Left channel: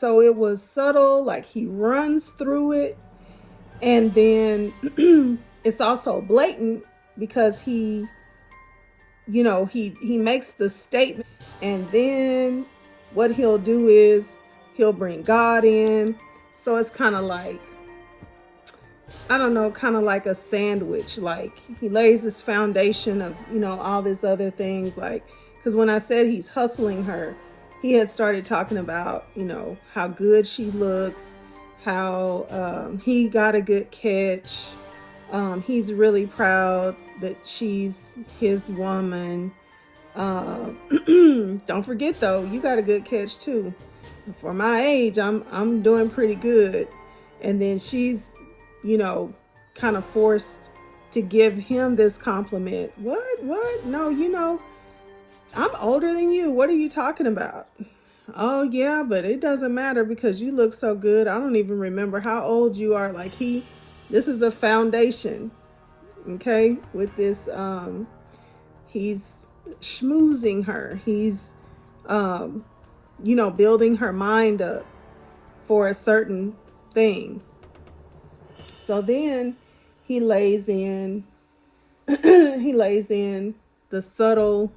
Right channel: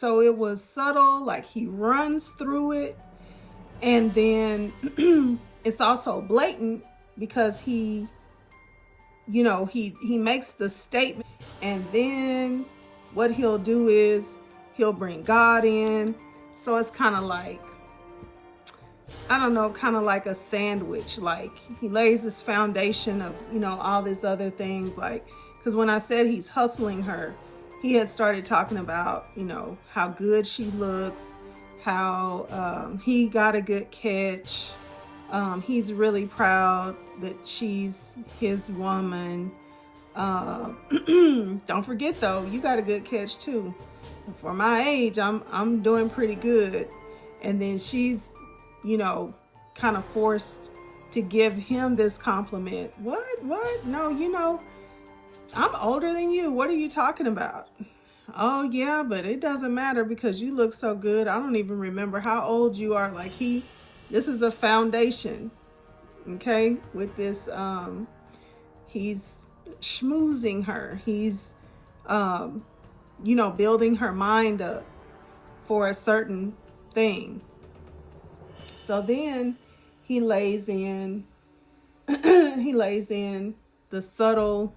So it was subtle, like he runs through it. And then it's also blatant because he makes the statement, and then what he'll do is he'll bring God in. So it's kind of like, I don't know, kind of like a sandwich. Like he lays this foundation of, all these other things. Like, because when I said he's hustling her, he had started talking about, how good she looks, how he got a good catch. He's really proud that she's his woman. Don't forget though, you got a good catch too. For my age, I'm doing pretty good. And then she's, kind of forced to give him this compliment. What? No, I'm older than you. What are you talking about? Oh yeah, but it doesn't matter because you look so good. I don't even remember how old you are. Like this is a foundation. Okay, with this, he's schmoozing her. He's, building her mind up for a certain thing. So then he lays in the subtle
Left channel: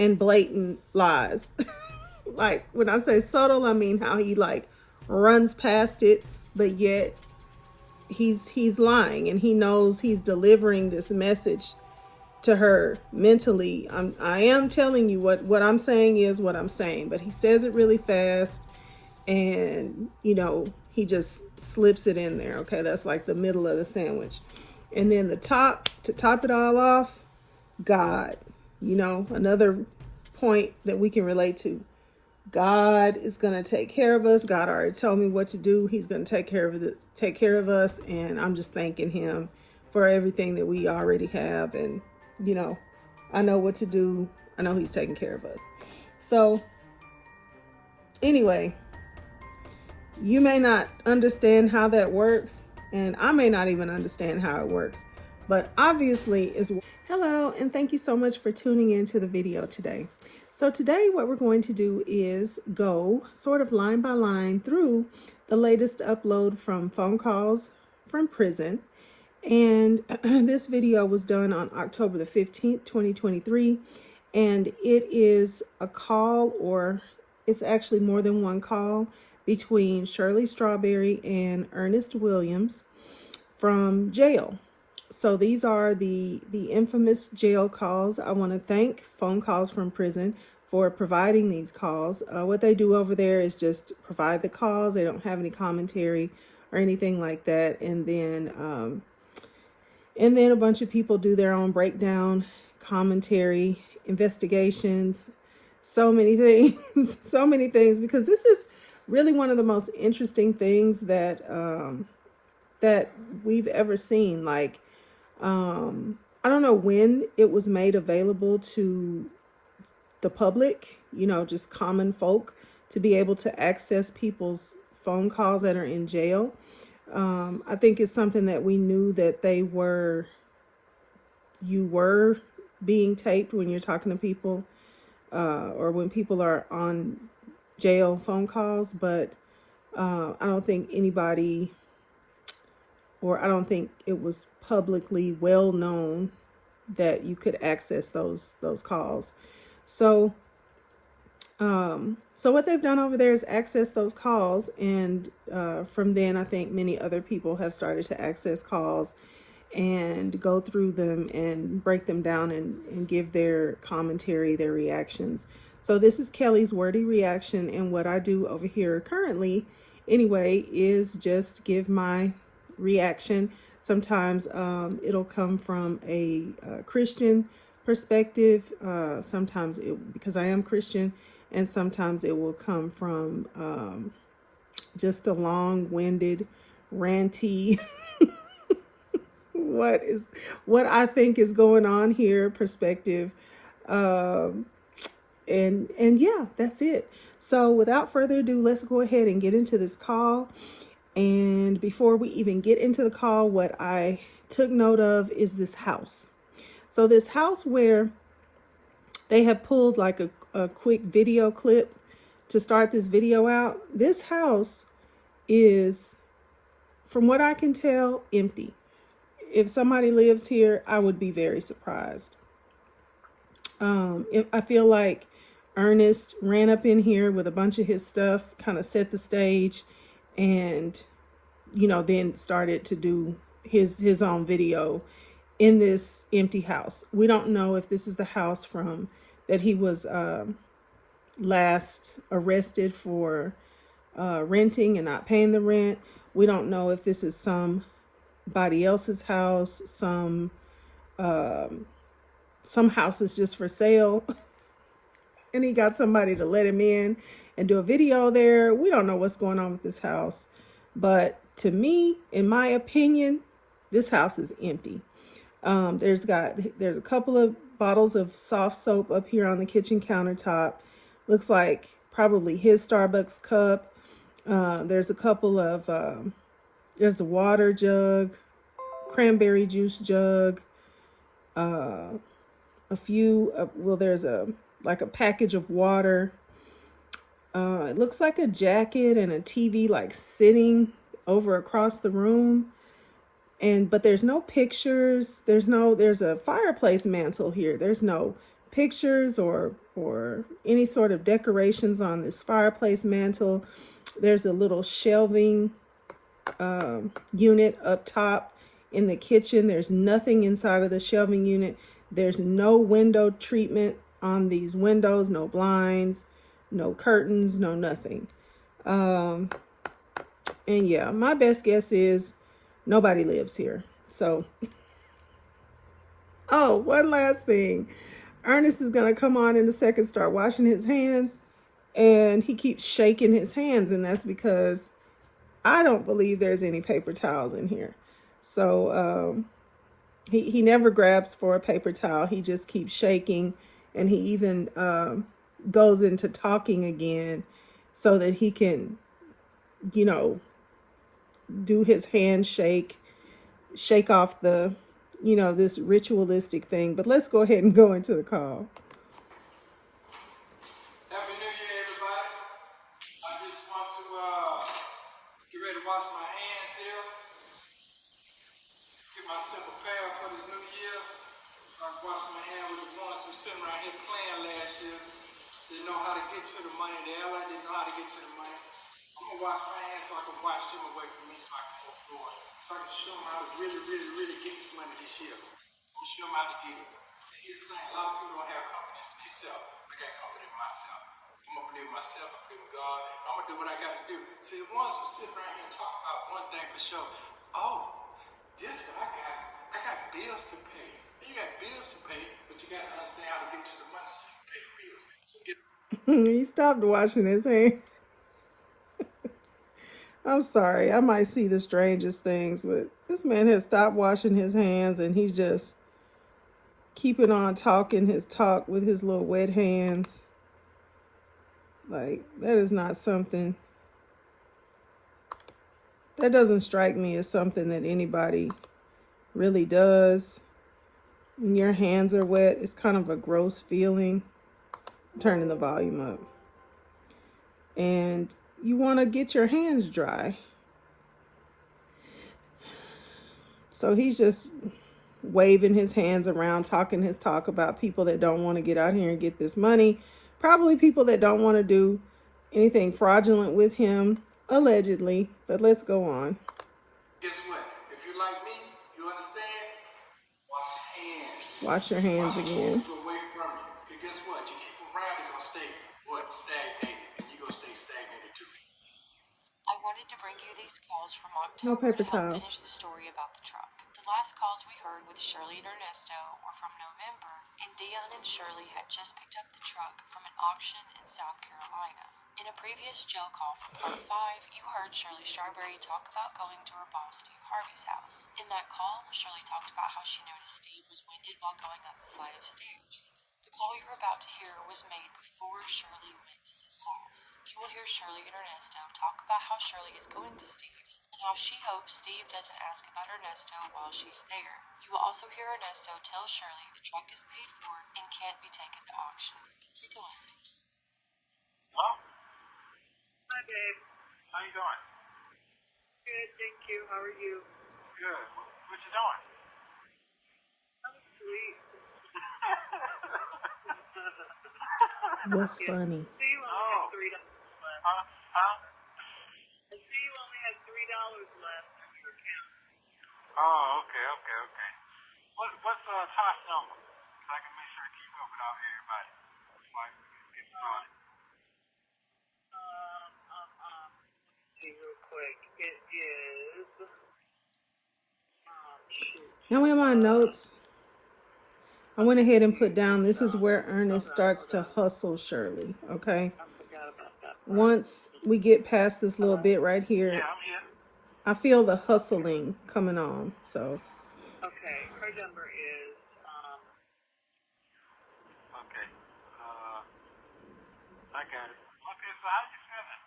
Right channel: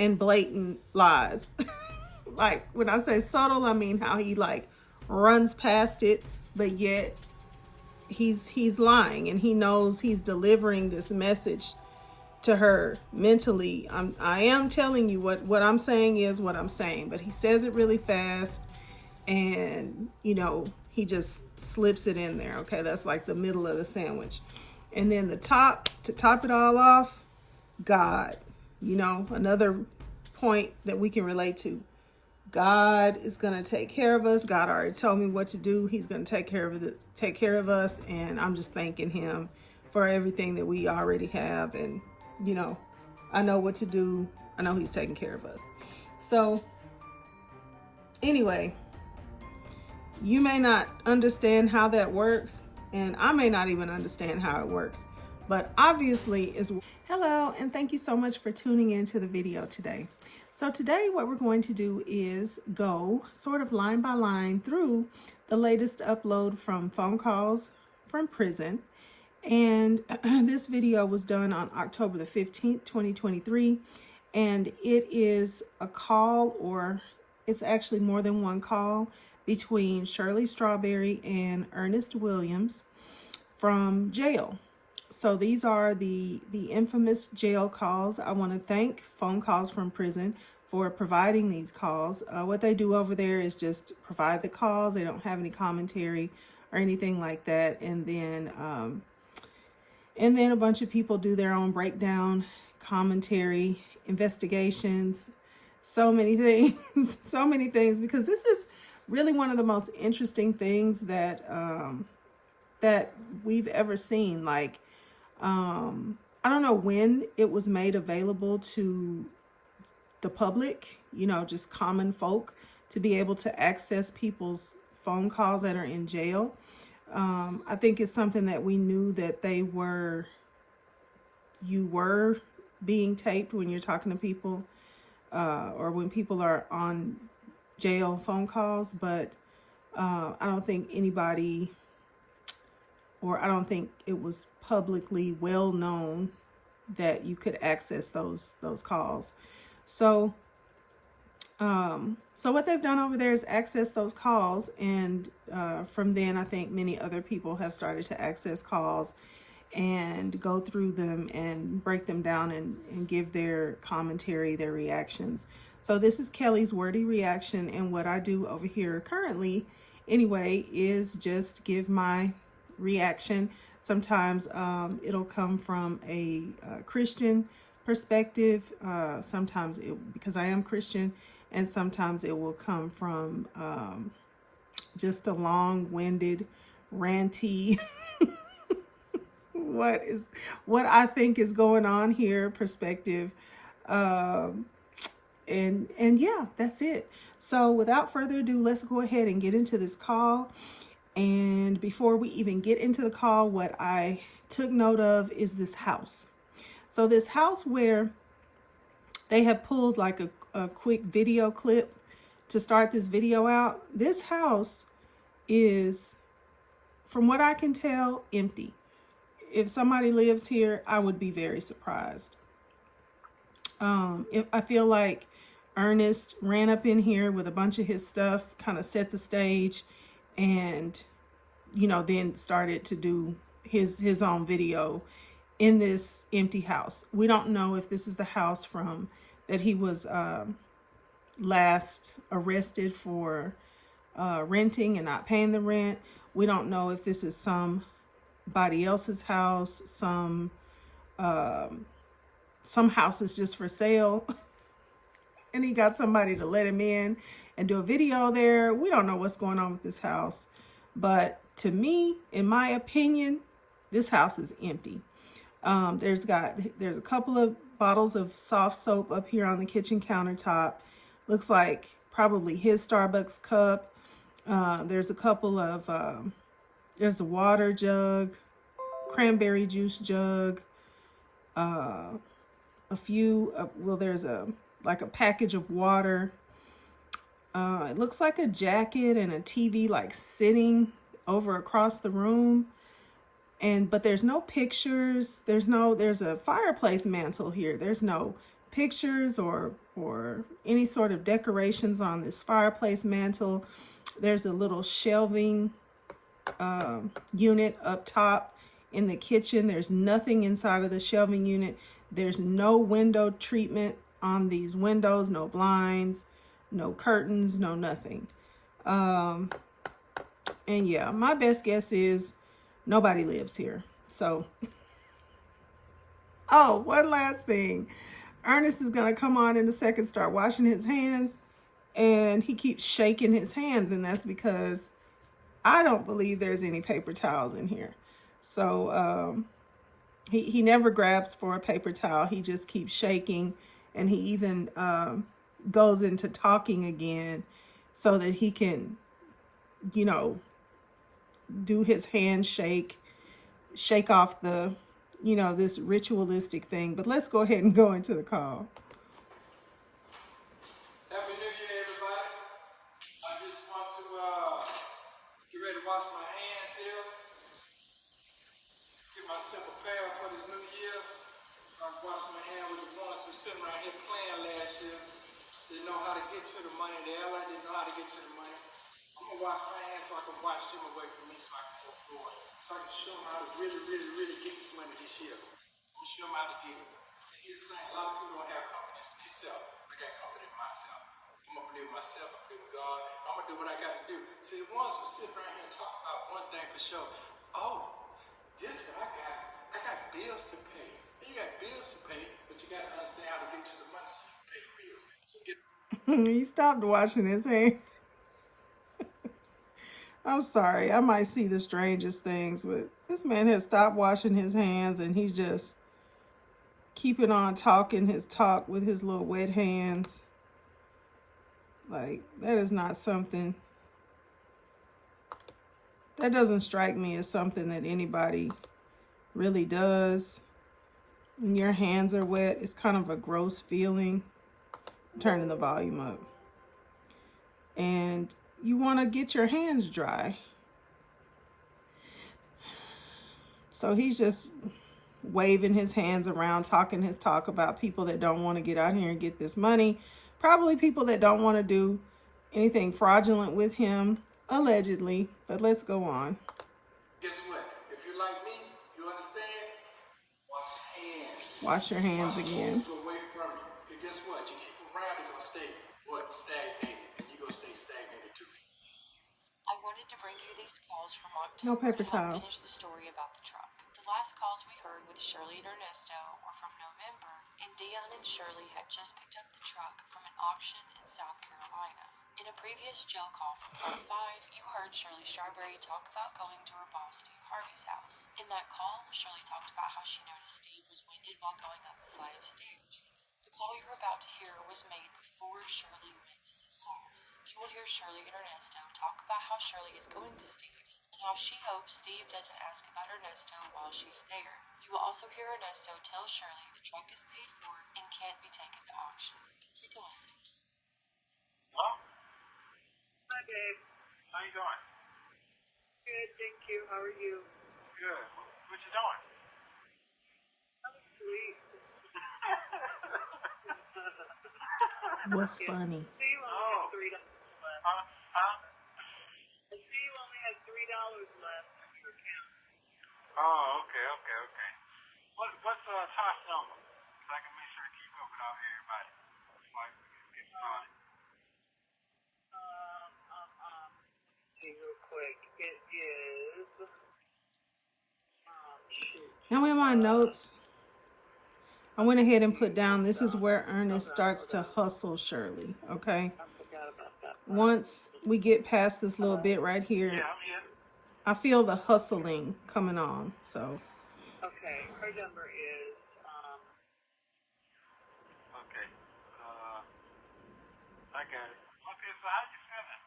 and blatant lies. Like when I say subtle, I mean how he like runs past it, but yet he's lying, and he knows he's delivering this message to her mentally. I am telling you what I'm saying is what I'm saying, but he says it really fast, and he just slips it in there. Okay, that's like the middle of the sandwich. And then to top it all off, God, another point that we can relate to. God is going to take care of us. God already told me what to do. He's going to take care of us, and I'm just thanking him for everything that we already have. And I know what to do. I know he's taking care of us. So anyway, you may not understand how that works, and I may not even understand how it works, but obviously it's... Hello, and thank you so much for tuning into the video today. So today what we're going to do is go sort of line by line through the latest upload from Phone Calls from Prison. And this video was done on October the 15th, 2023. And it is a call, or it's actually more than one call, between Shirley Strawberry and Ernest Williams from jail. So these are the infamous jail calls. I want to thank Phone Calls from Prison for providing these calls. What they do over there is just provide the calls. They don't have any commentary or anything like that. And then a bunch of people do their own breakdown, commentary, investigations, so many things, so many things, because this is really one of the most interesting things that that we've ever seen. Like, I don't know when it was made available to the public, just common folk, to be able to access people's phone calls that are in jail. I think it's something that we knew that you were being taped when you're talking to people, or when people are on jail phone calls, but I don't think anybody, or I don't think it was publicly well known that you could access those calls. So what they've done over there is access those calls, and from then I think many other people have started to access calls and go through them and break them down and give their commentary, their reactions. So this is Kelly's wordy reaction, and what I do over here currently anyway is just give my reaction. Sometimes it'll come from a Christian perspective, sometimes because I am Christian, and sometimes it will come from just a long-winded, ranty what I think is going on here perspective. And yeah, that's it. So without further ado, let's go ahead and get into this call. And before we even get into the call, what I took note of is this house. So this house where they have pulled like a quick video clip to start this video out, this house is, from what I can tell, empty. If somebody lives here, I would be very surprised. I feel like Ernest ran up in here with a bunch of his stuff, kind of set the stage, and then started to do his own video in this empty house. We don't know if this is the house from that he was last arrested for renting and not paying the rent. We don't know if this is somebody else's house, some houses just for sale. And he got somebody to let him in and do a video there. We don't know what's going on with this house. But to me, in my opinion, this house is empty. There's a couple of bottles of soft soap up here on the kitchen countertop. Looks like probably his Starbucks cup. There's a couple of, there's a water jug, cranberry juice jug, a few, there's like a package of water. It looks like a jacket and a TV like sitting over across the room. But there's no pictures. There's a fireplace mantle here. There's no pictures or any sort of decorations on this fireplace mantle. There's a little shelving unit up top in the kitchen. There's nothing inside of the shelving unit. There's no window treatment on these windows, no blinds, no curtains, no nothing. And yeah, my best guess is nobody lives here. So, oh, one last thing. Ernest is going to come on in a second, start washing his hands, and he keeps shaking his hands, and that's because I don't believe there's any paper towels in here. So he never grabs for a paper towel. He just keeps shaking, and he even goes into talking again so that he can, do his handshake, shake off the, this ritualistic thing. But let's go ahead and go into the call. Happy New Year, everybody. I just want to get ready to wash my hands here. Get myself prepared for this new year. I wash my hands with the ones who sitting right here playing last year. They know how to get to the money. They already know how to get to the money. I'm going to wash my hands so I can wash them away from me so I can move forward. So I can show them how to really, really, really get this money this year. I'm going to show them how to get it. See, it's like a lot of people don't have confidence in themselves. I got confidence in myself. I'm going to believe in myself. I believe in God. I'm going to do what I got to do. See, once you sit around here and talk about one thing for sure. Oh, this is what I got. I got bills to pay. You got bills to pay, but you got to understand how to get to the money so you can pay the bills. So He stopped washing his hands. I'm sorry, I might see the strangest things, but this man has stopped washing his hands and he's just keeping on talking his talk with his little wet hands. Like, that is not something, that doesn't strike me as something that anybody really does. When your hands are wet, it's kind of a gross feeling. I'm turning the volume up. And you want to get your hands dry. So he's just waving his hands around, talking his talk about people that don't want to get out here and get this money. Probably people that don't want to do anything fraudulent with him, allegedly. But let's go on. guess what? If you're like me, you understand? Wash your hands. Wash your hands again. Away from you. And guess what? You keep around, you're going to stay, stagnated. And you're going to stay stagnated too. I wanted to bring you these calls from No October paper to towel. finish the story about the truck. The last calls we heard with Shirley and Ernesto were from November, and Dion and Shirley had just picked up the truck from an auction in South Carolina. In a previous jail call from part 5, you heard Shirley Strawberry talk about going to her boss Steve Harvey's house. In that call, Shirley talked about how she noticed Steve was winded while going up a flight of stairs. The call you're about to hear was made before Shirley went to his house. You will hear Shirley and Ernesto talk about how Shirley is going to Steve's and how she hopes Steve doesn't ask about Ernesto while she's there. You will also hear Ernesto tell Shirley the truck is paid for and can't be taken to auction. Take a listen. How you doing? Good, thank you. How are you? Good. What you doing? What's funny? Oh, okay. What's Tosh number? So I can make sure I keep up with all everybody. So I can get started. See real quick. It is. Now in my notes, I went ahead and put down, this is where Ernest starts to hustle Shirley, okay? Once we get past this little bit right here, I feel the hustling coming on, so. Okay, her number is, okay, I got it. Okay, so how you feeling?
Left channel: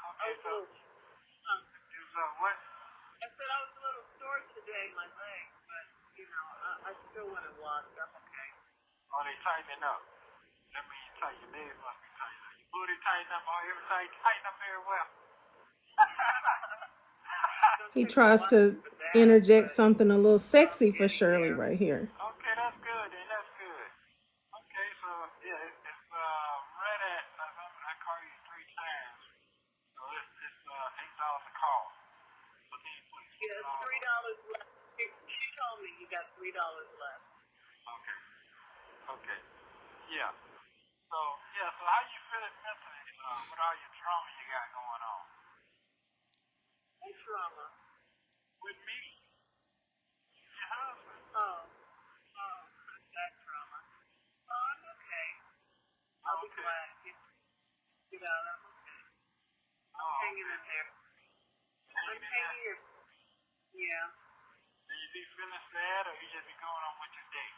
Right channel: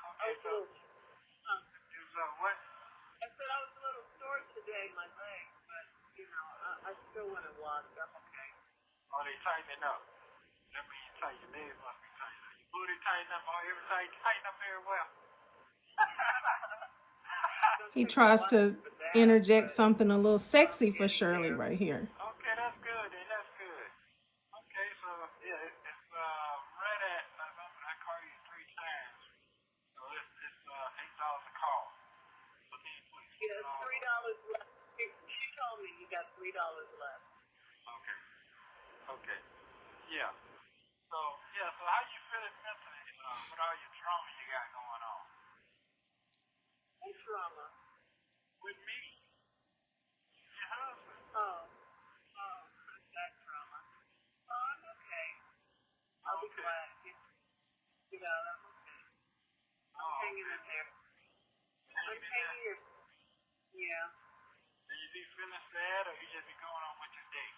Okay, so, is, what? I said I was a little sore today, my leg, but, you know, I still want to walk, that's okay. Oh, they tightening up. That means tight, your leg must be tight. Your booty tighten up, all everything tighten up very well. He tries to interject something a little sexy for Shirley right here. Okay, that's good. That's good. Okay, so yeah, it's ready. I call you 3 times, so it's $8 a call. So then you get $3 left. She told me you got $3 left. Okay. Okay. Yeah. So yeah. So how you feeling mentally with all your trauma you got going on? What trauma? With me? Your husband? Oh. That trauma. Oh, I'm okay. I'm glad you know. I'm hanging in there. I'm hanging in. Yeah. Do you be feeling sad or you just be going on with your day?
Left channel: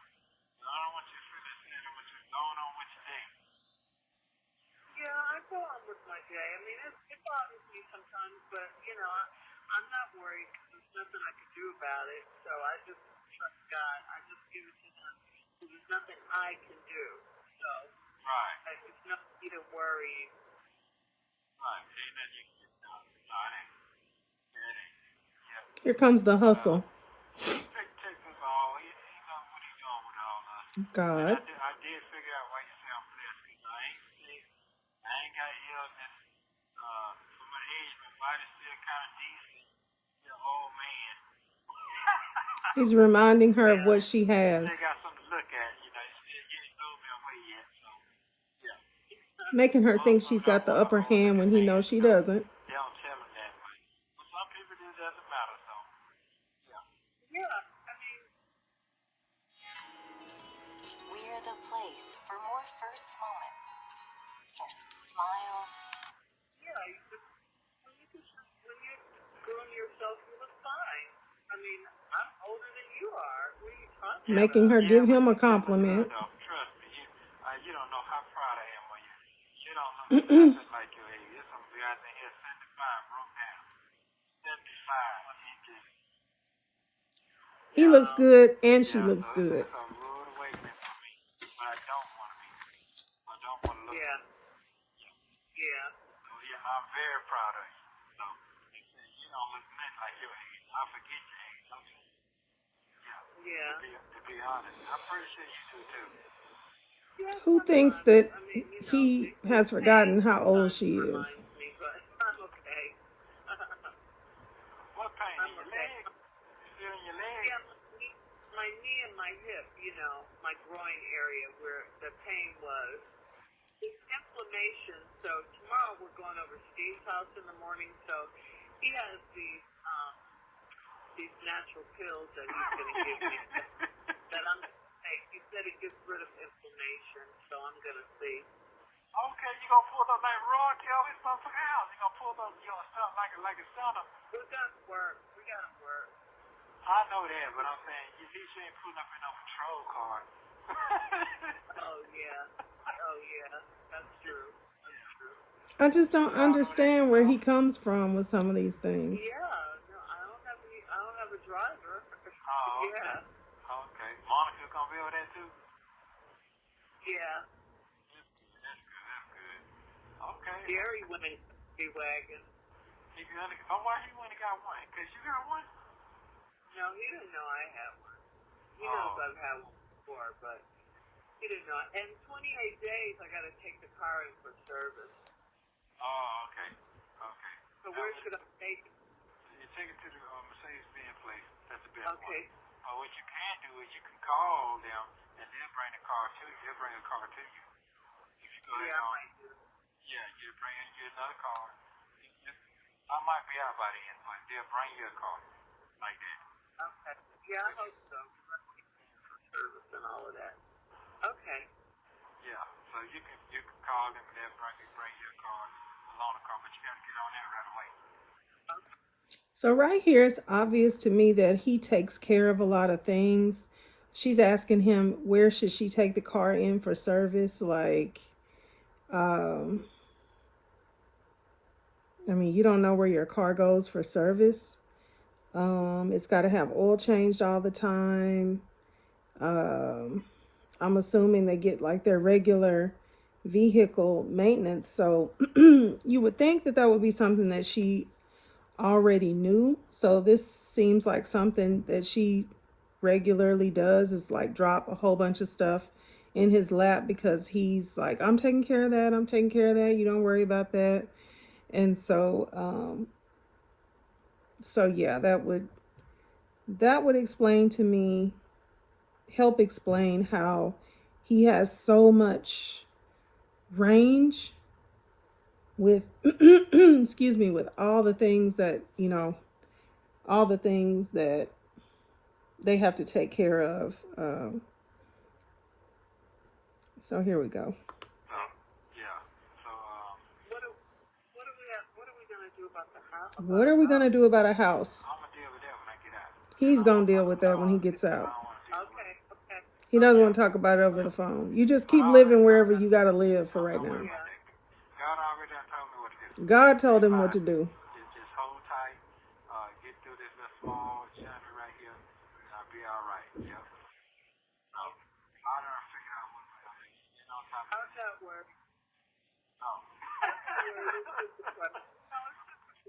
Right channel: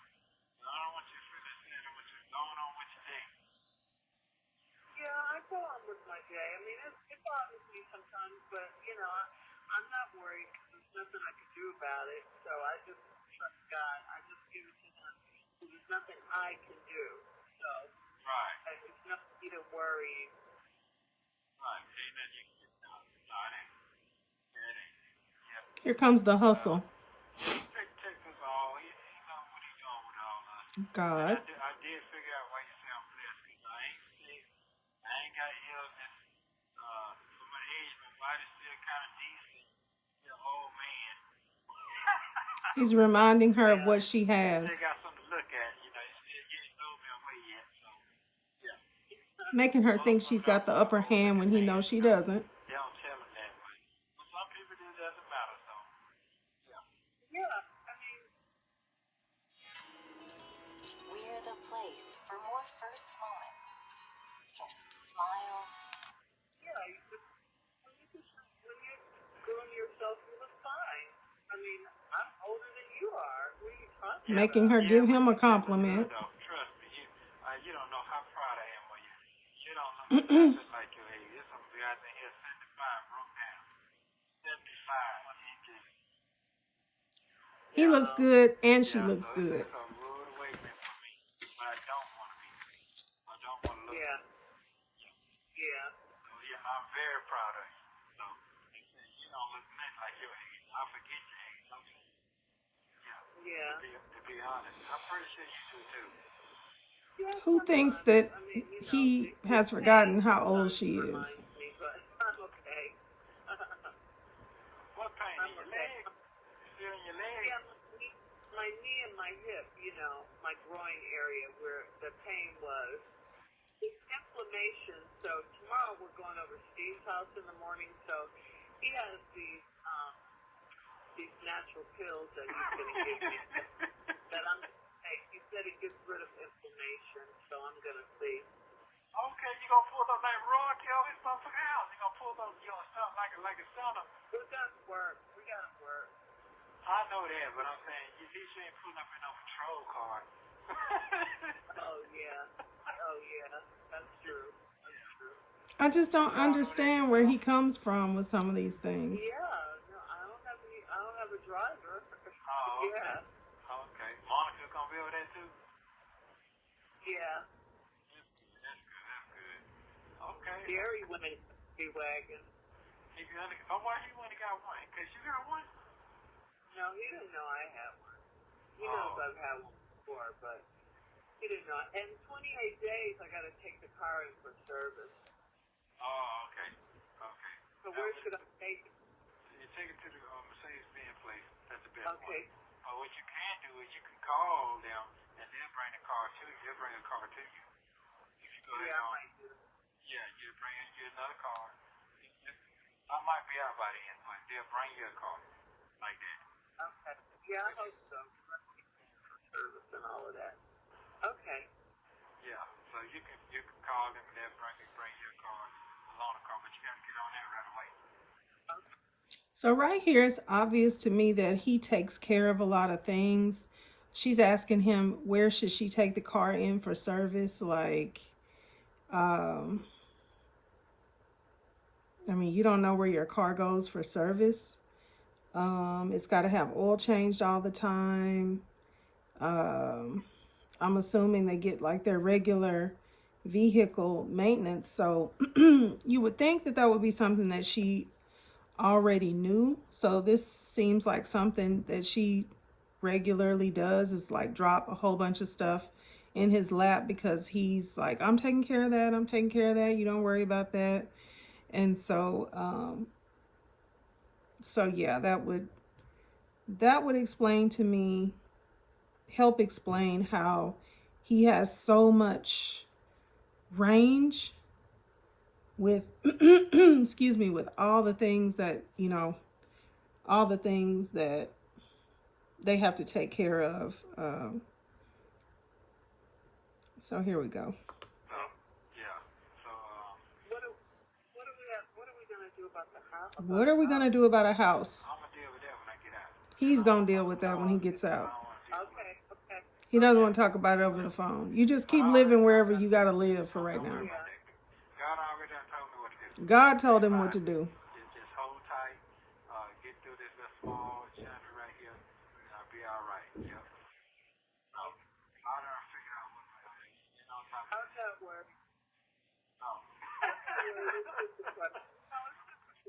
I don't want you feeling sad, I want you going on with your day. Yeah, I go on with my day. I mean, it bothers me sometimes, but, you know, I'm not worried because there's nothing I can do about it. So I just trust God. I just give it to Him. There's nothing I can do. So right. There's nothing to worry. Right. Ain't nothing you can do. Right. Here comes the hustle. God. I did figure out why you sound blessed. I ain't sick. I ain't got illness. Some of the age, my body's still kind of decent. You're an old man. He's reminding her of what she has. They got something to look at. You know, you ain't thrown me away yet. So, yeah. Making her think she's got the upper hand when he knows she doesn't. They don't tell them that way. But some people, it doesn't matter. So, yeah. Yeah, I mean, We're the place for more first moments, first smiles, yeah, when you groom yourself, you look fine. I mean, I'm older than you are. What are you talking about? Making her give him a compliment. No, trust me. You don't know how proud I am of you. You don't look nothing like your lady. There's some guy out there 75 broke down. 75. He looks good and she looks good. That's a rude way to be. But I don't want to be. I don't want to look. Yeah. Yeah. So, yeah, I'm very proud of you. So, you don't look nothing like your age. I forget your age. Yeah. To be honest, I appreciate you too. Who thinks that he has forgotten how old she is? What pain in your leg? Still in your leg? Yeah, my knee and my hip, you know, my groin area where the pain was. It's inflammation. So tomorrow we're going over Steve's house in the morning. So he has these natural pills that he's going to give me. And I'm going to take. He said it gets rid of inflammation. So I'm going to see. Okay, you gonna pull up that rug, Kelly, something else. You gonna pull up, you gonna sound like a center. We gotta work. I know that, but I'm saying you ain't pulling up in no patrol car. Oh yeah, that's true. I just don't understand where he comes from with some of these things. Yeah, I don't have a driver. Oh, okay. Yeah. Okay. Monica gonna be on that too? Yeah. That's good. Oh, why you want to got one? Because you got one? No, he didn't know I have one. He knows I've had one before, but he didn't know. In 28 days, I got to take the car in for service. Oh, okay. Okay. So where should I take it? You take it to the Mercedes-Benz place. That's the best Okay. one. What you can do is you can call them and they'll bring the car to you. They'll bring the car to you. You can go Yeah, down. Yeah, you bring you another car. I might be out by then. Like they'll bring you a car like that. okay. Yeah, I hope so. Service and all of that. Okay. Yeah. So you can call them. They'll bring your car, a loaner car, but you got to get on there right away. So right here, it's obvious to me that he takes care of a lot of things. She's asking him where should she take the car in for service. Like, I mean, you don't know where your car goes for service. It's got to have oil changed all the time. I'm assuming they get like their regular vehicle maintenance. So you would think that that would be something that she already knew. So this seems like something that she regularly does, is like drop a whole bunch of stuff in his lap because he's like, I'm taking care of that. I'm taking care of that. You don't worry about that. And so yeah, that would explain to me, help explain how he has so much range with excuse me, with all the things that, all the things that they have to take care of. So here we go. Yeah. So What are we gonna do about a house? I'm gonna deal with that when I get out. He's gonna deal with that when he gets out. He doesn't want to talk about it over the phone. You just keep living wherever you gotta live for right now. God already done told me what to do. God told him what to do. Just hold tight. Get through this little small chapter right here, and I'll be all right. Yeah. I don't figure out what we're gonna do. You know, how does that work?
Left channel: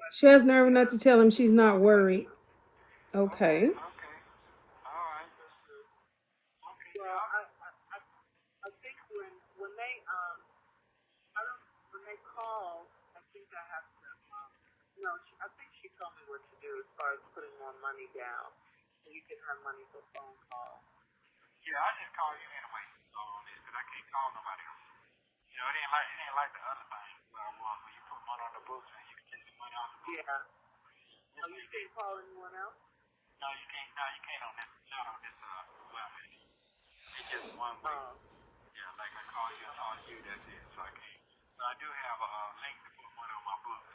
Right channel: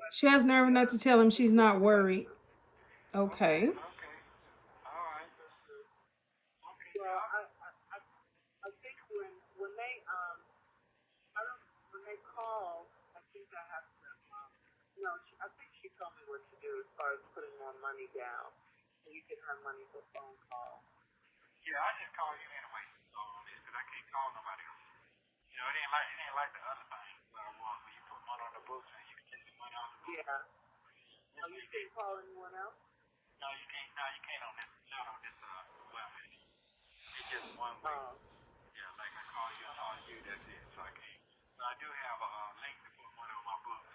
She has nerve enough to tell him she's not worried. Okay. Yeah, I just call you anyway. Because I can't call nobody else. You know, it ain't like the other thing. Where you put money on the books and you can take the money off the books. Yeah. Oh, you can't call anyone else? No, you can't. No, you can't on this. Not on this webpage. It's just one way. Yeah, like I call you, that's it. So I can't. So I do have a link to put money on my books.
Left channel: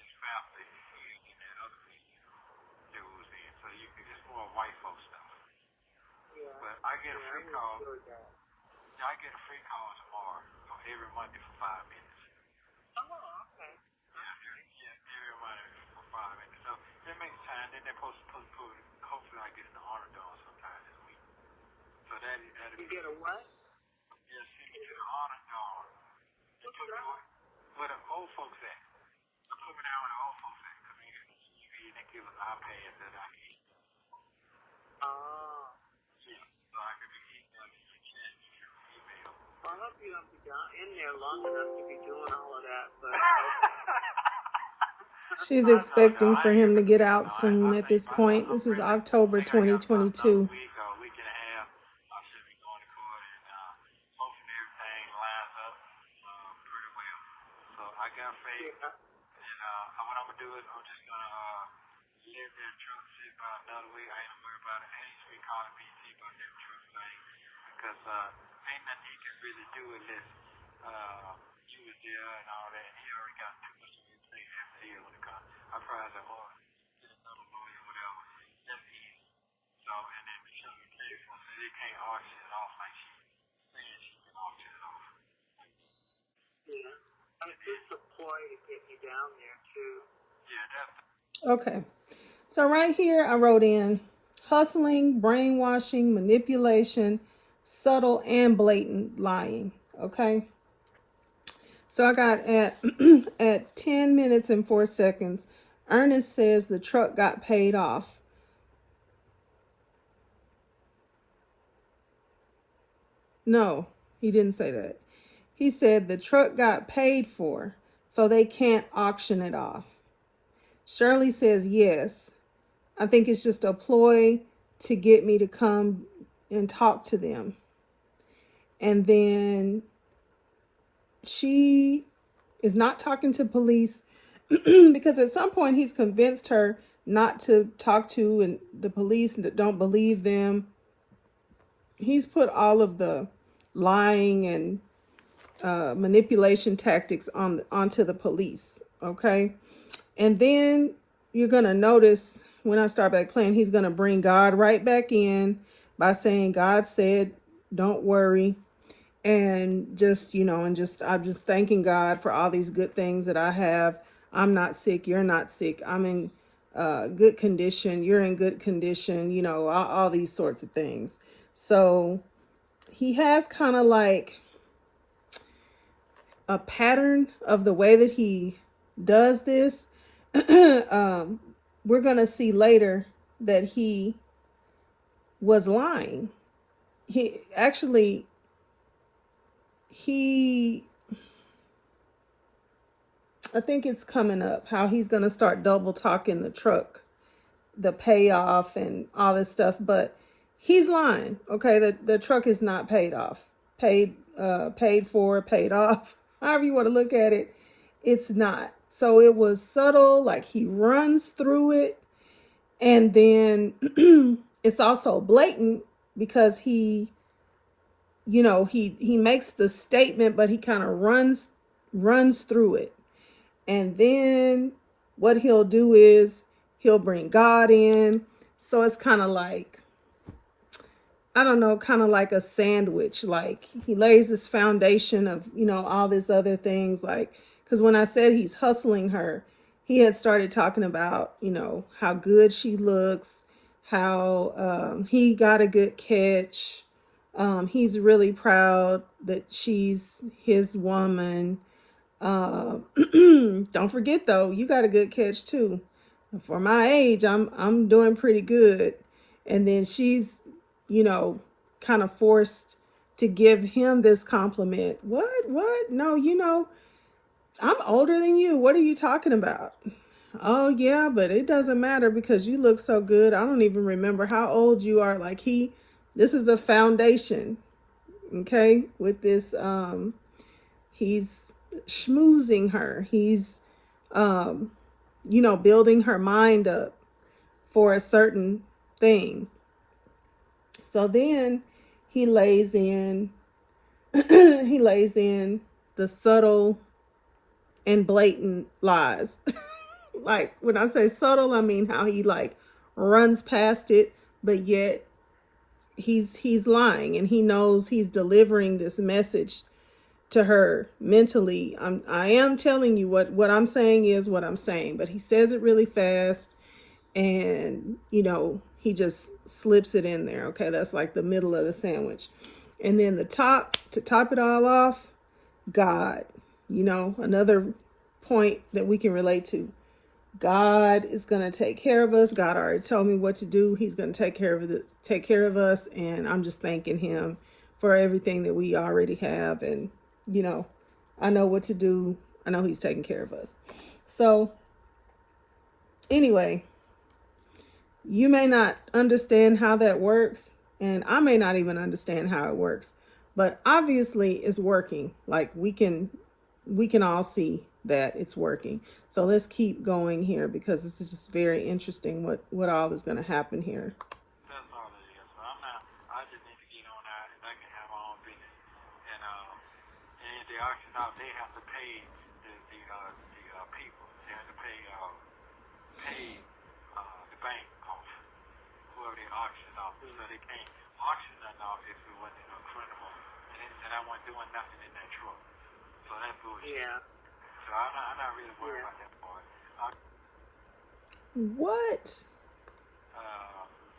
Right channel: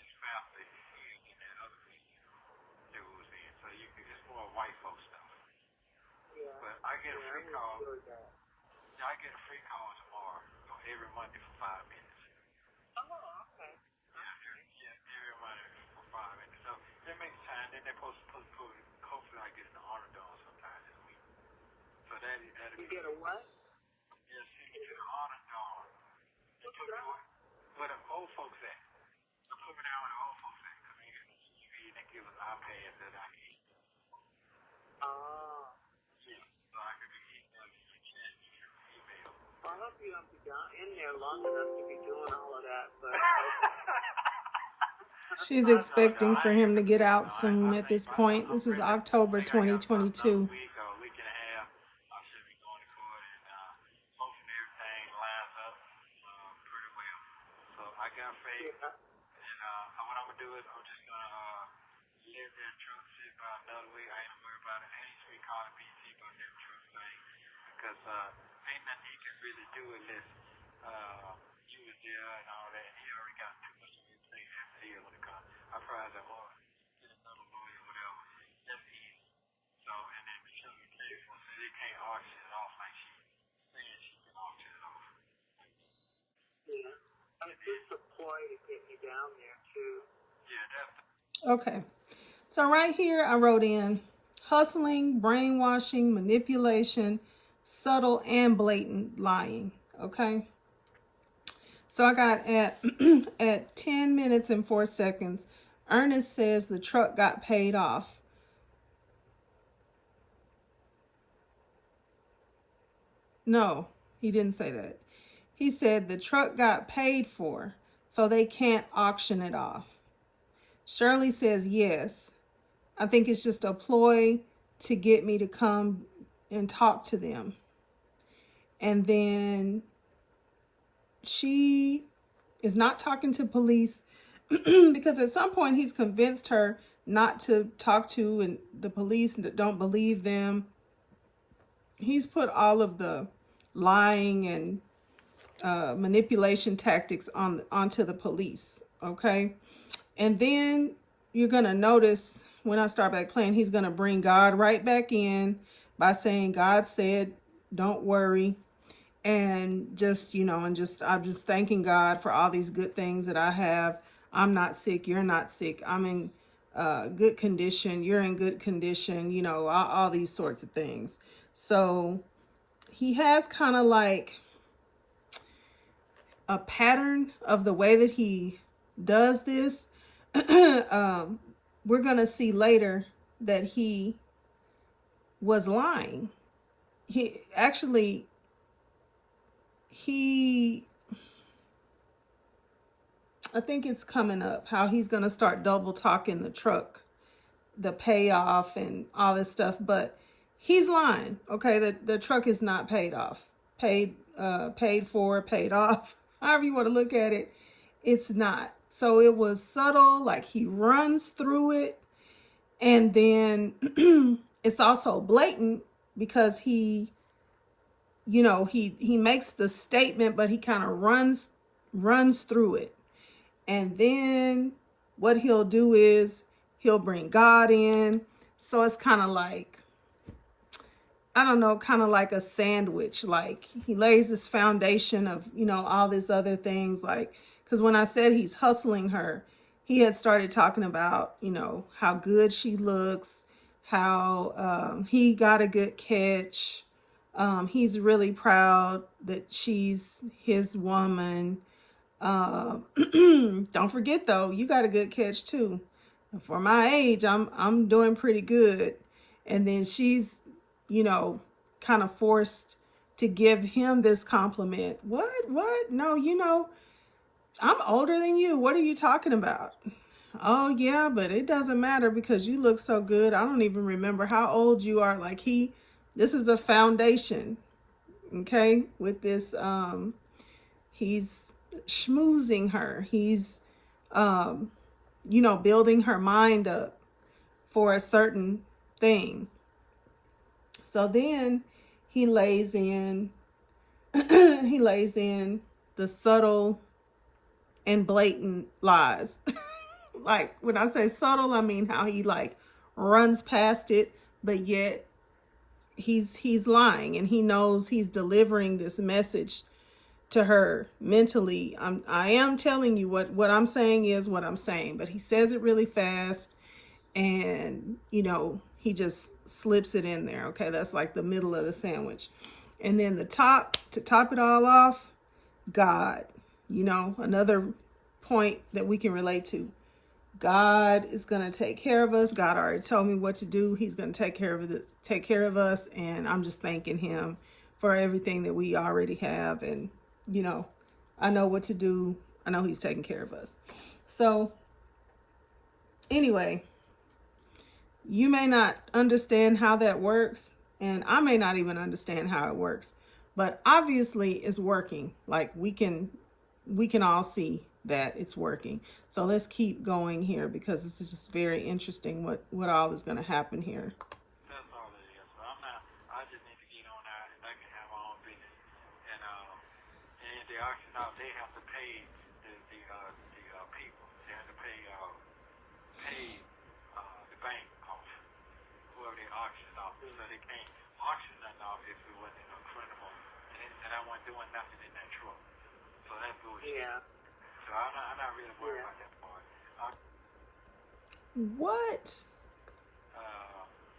It's faster. You get that other piece. That was in. So you can. It's more white folks stuff. But I get a free call. I get a free call tomorrow from every Monday for 5 minutes. Yeah, every Monday for 5 minutes. So that makes time. Then they're supposed to put. Hopefully, I get the $100 sometime this week. So that You get a what? yes, you get the $100. You put me on where the old folks at. I put me down where the old folks at. Because you need to give an iPad that I need. Yeah, so I can keep you chat your email. I hope you don't be down in there long enough to be doing all of that, but She's expecting for him to get out soon at this point. This is October 2022. Week and a half, I should be going to court, and hopefully everything lines up pretty well. So I got faith, and what I'm gonna do is I'm just gonna let that truck sit by another week. I ain't gonna worry about it. Hey, we call it BT, but that truck thing, because ain't nothing he can really do unless you was there and all that. And he already got too much of things to deal with. I probably said, oh, just another lawyer, whatever. That's easy. So, and then the sugar case, so they can't auction it off like she said she can auction it off. yeah. I think the ploy to get you down there too. Yeah, that's Okay. So right here I wrote in hustling, brainwashing, manipulation, subtle and blatant lying. Okay. So I got at at 10 minutes and 4 seconds, Ernest says the truck got paid off. No, he didn't say that. He said the truck got paid for, so they can't auction it off. Shirley says yes. I think it's just a ploy to get me to come and talk to them. And then she is not talking to police because at some point he's convinced her not to talk to and the police don't believe them. He's put all of the lying and manipulation tactics onto the police. Okay. And then you're going to notice when I start back playing, he's going to bring God right back in by saying, God said, don't worry. And just, I'm just thanking God for all these good things that I have. I'm not sick. You're not sick. I'm in good condition. You're in good condition, all these sorts of things. So he has kind of like a pattern of the way that he does this. We're going to see later that he was lying. I think it's coming up how he's going to start double talking the truck, the payoff and all this stuff, but he's lying. Okay. The truck is not paid off, paid for, paid off, however you want to look at it. It's not. So it was subtle, like he runs through it. And then it's also blatant because he makes the statement, but he kind of runs through it. And then what he'll do is he'll bring God in. So it's kind of like, I don't know, kind of like a sandwich. Like he lays this foundation of, all these other things. Like, because when I said he's hustling her, he had started talking about, how good she looks, how he got a good catch. He's really proud that she's his woman. Don't forget though, you got a good catch too. For my age, I'm doing pretty good. And then she's, kind of forced to give him this compliment. What? No, I'm older than you. What are you talking about? Oh yeah, but it doesn't matter because you look so good. I don't even remember how old you are. Like this is a foundation. Okay. With this, he's schmoozing her. He's, building her mind up for a certain thing. So then he lays in the subtle and blatant lies. Like when I say subtle, I mean how he like runs past it, but yet he's lying and he knows he's delivering this message to her mentally. I am telling you what I'm saying is what I'm saying, but he says it really fast and he just slips it in there. Okay, that's like the middle of the sandwich. And then to top it all off, God, another point that we can relate to. God is going to take care of us. God already told me what to do. He's going to take care of us. And I'm just thanking him for everything that we already have. And, I know what to do. I know he's taking care of us. So anyway, you may not understand how that works. And I may not even understand how it works, but obviously it's working. Like we can all see that it's working. So let's keep going here because this is just very interesting what all is going to happen here. What?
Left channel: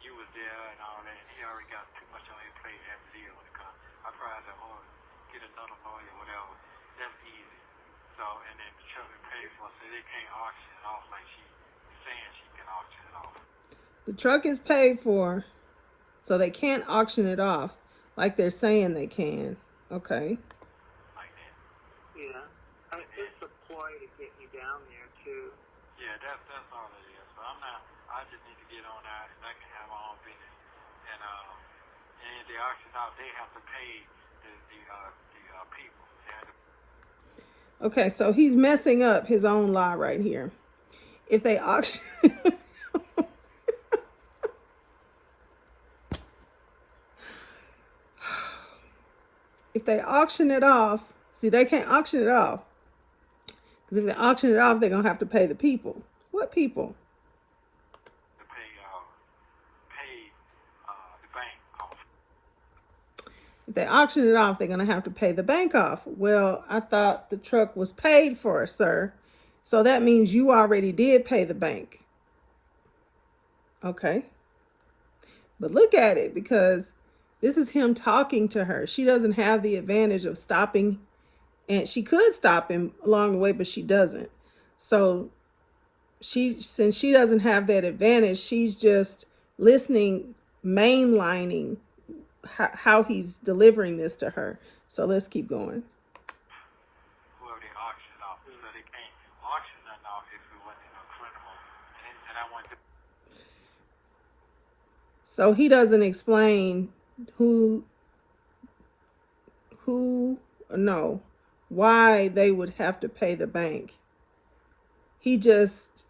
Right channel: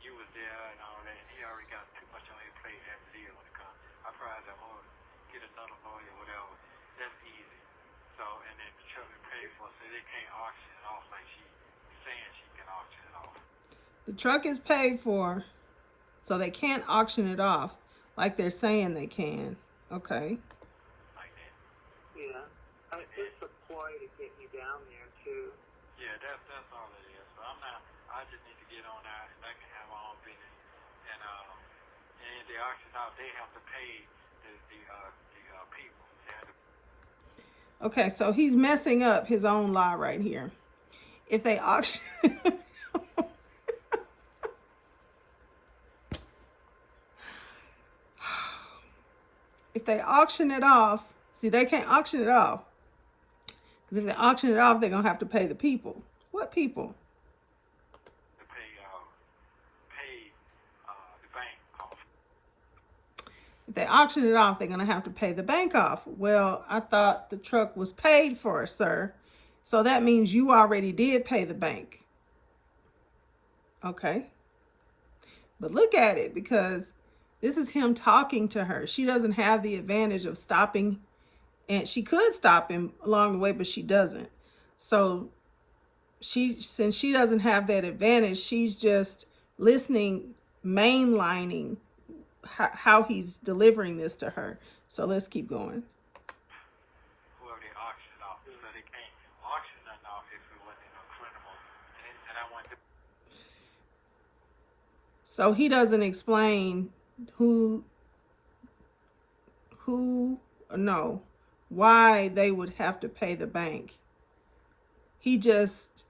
You was there and all that, and he already got too much on his plate. He had to deal with it. I probably had to get it done about it or whatever. That's easy. So, and then Shirley pays for it, so they can't auction it off like she The truck is paid for, so they can't auction it off like they're saying they can. Okay. Yeah. And it's just a ploy to get you down there, too. Yeah, that's all it is. So I just need to get on out and I can have my own business. And the auction off, they have to pay the people. They have to. Okay, so he's messing up his own law right here. If they auction if they auction it off, see, they can't auction it off. Because if they auction it off, they're going to have to pay the people. What people? If they auction it off, they're going to have to pay the bank off. Well, I thought the truck was paid for, sir. So that means you already did pay the bank. Okay. But look at it, because this is him talking to her. She doesn't have the advantage of stopping, and she could stop him along the way, but she doesn't. So since she doesn't have that advantage, she's just listening, mainlining how he's delivering this to her. So let's keep going. So he doesn't explain why they would have to pay the bank. He just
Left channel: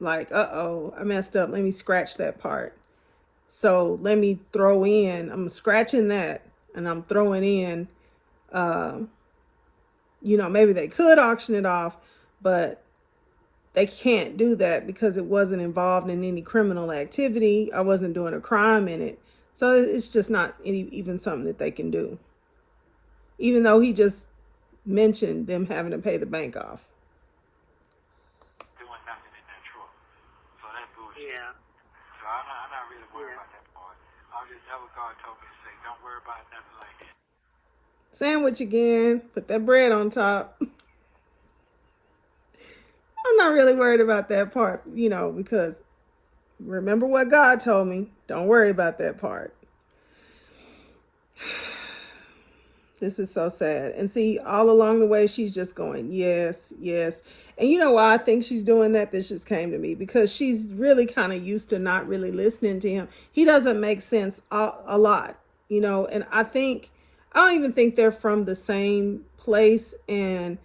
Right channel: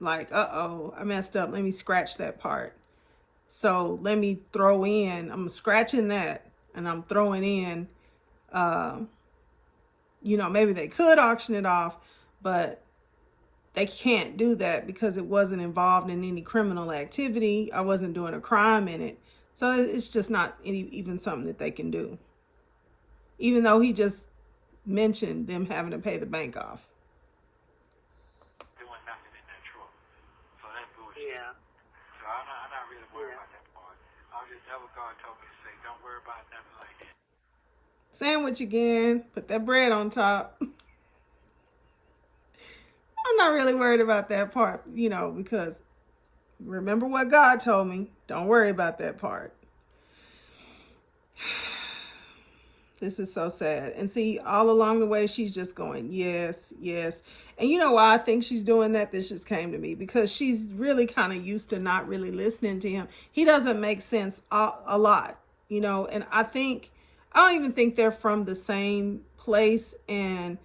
like, uh-oh, I messed up. Let me scratch that part. So let me throw in, I'm scratching that and I'm throwing in, maybe they could auction it off, but they can't do that because it wasn't involved in any criminal activity. I wasn't doing a crime in it. So it's just not even something that they can do. Even though he just mentioned them having to pay the bank off. Sandwich again, put that bread on top. I'm not really worried about that part, because remember what God told me. Don't worry about that part. This is so sad. And see, all along the way, she's just going, yes, yes. And you know why I think she's doing that? This just came to me because she's really kind of used to not really listening to him. He doesn't make sense a lot, and I don't even think they're from the same place. And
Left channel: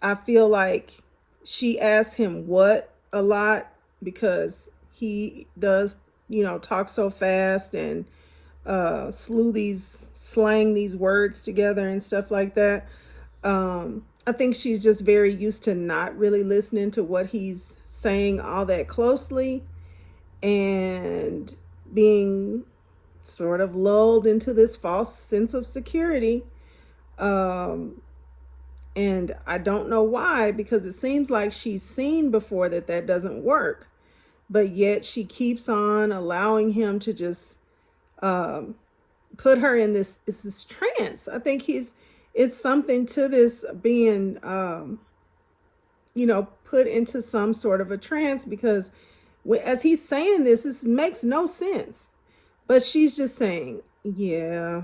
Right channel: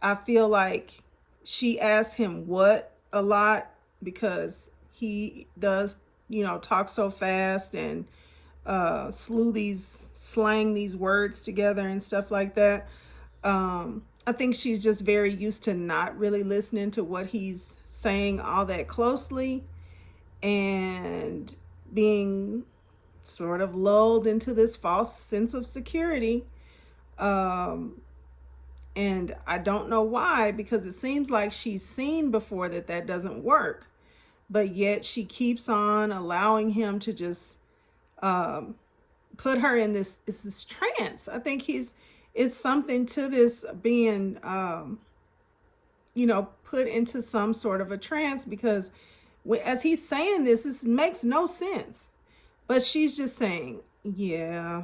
I feel like she asked him what a lot because he does, talk so fast and slang these words together and stuff like that. I think she's just very used to not really listening to what he's saying all that closely and being sort of lulled into this false sense of security. And I don't know why, because it seems like she's seen before that doesn't work, but yet she keeps on allowing him to just put her in this trance. I think it's something to this being, put into some sort of a trance, because as he's saying this makes no sense. But she's just saying, yeah.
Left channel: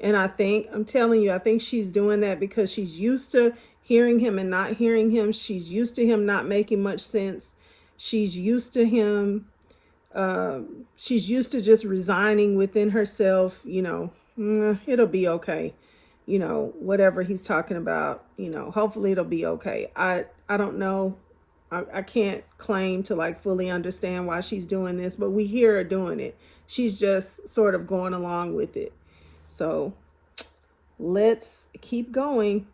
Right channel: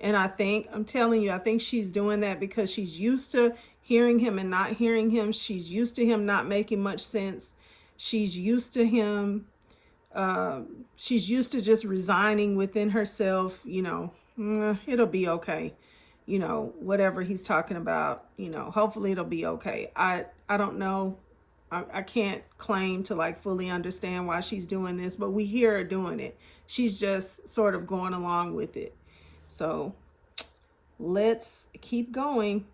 And I'm telling you, I think she's doing that because she's used to hearing him and not hearing him. She's used to him not making much sense. She's used to him. She's used to just resigning within herself, it'll be okay. Whatever he's talking about, hopefully it'll be okay. I don't know. I can't claim to like fully understand why she's doing this, but we hear her doing it. She's just sort of going along with it. So let's keep going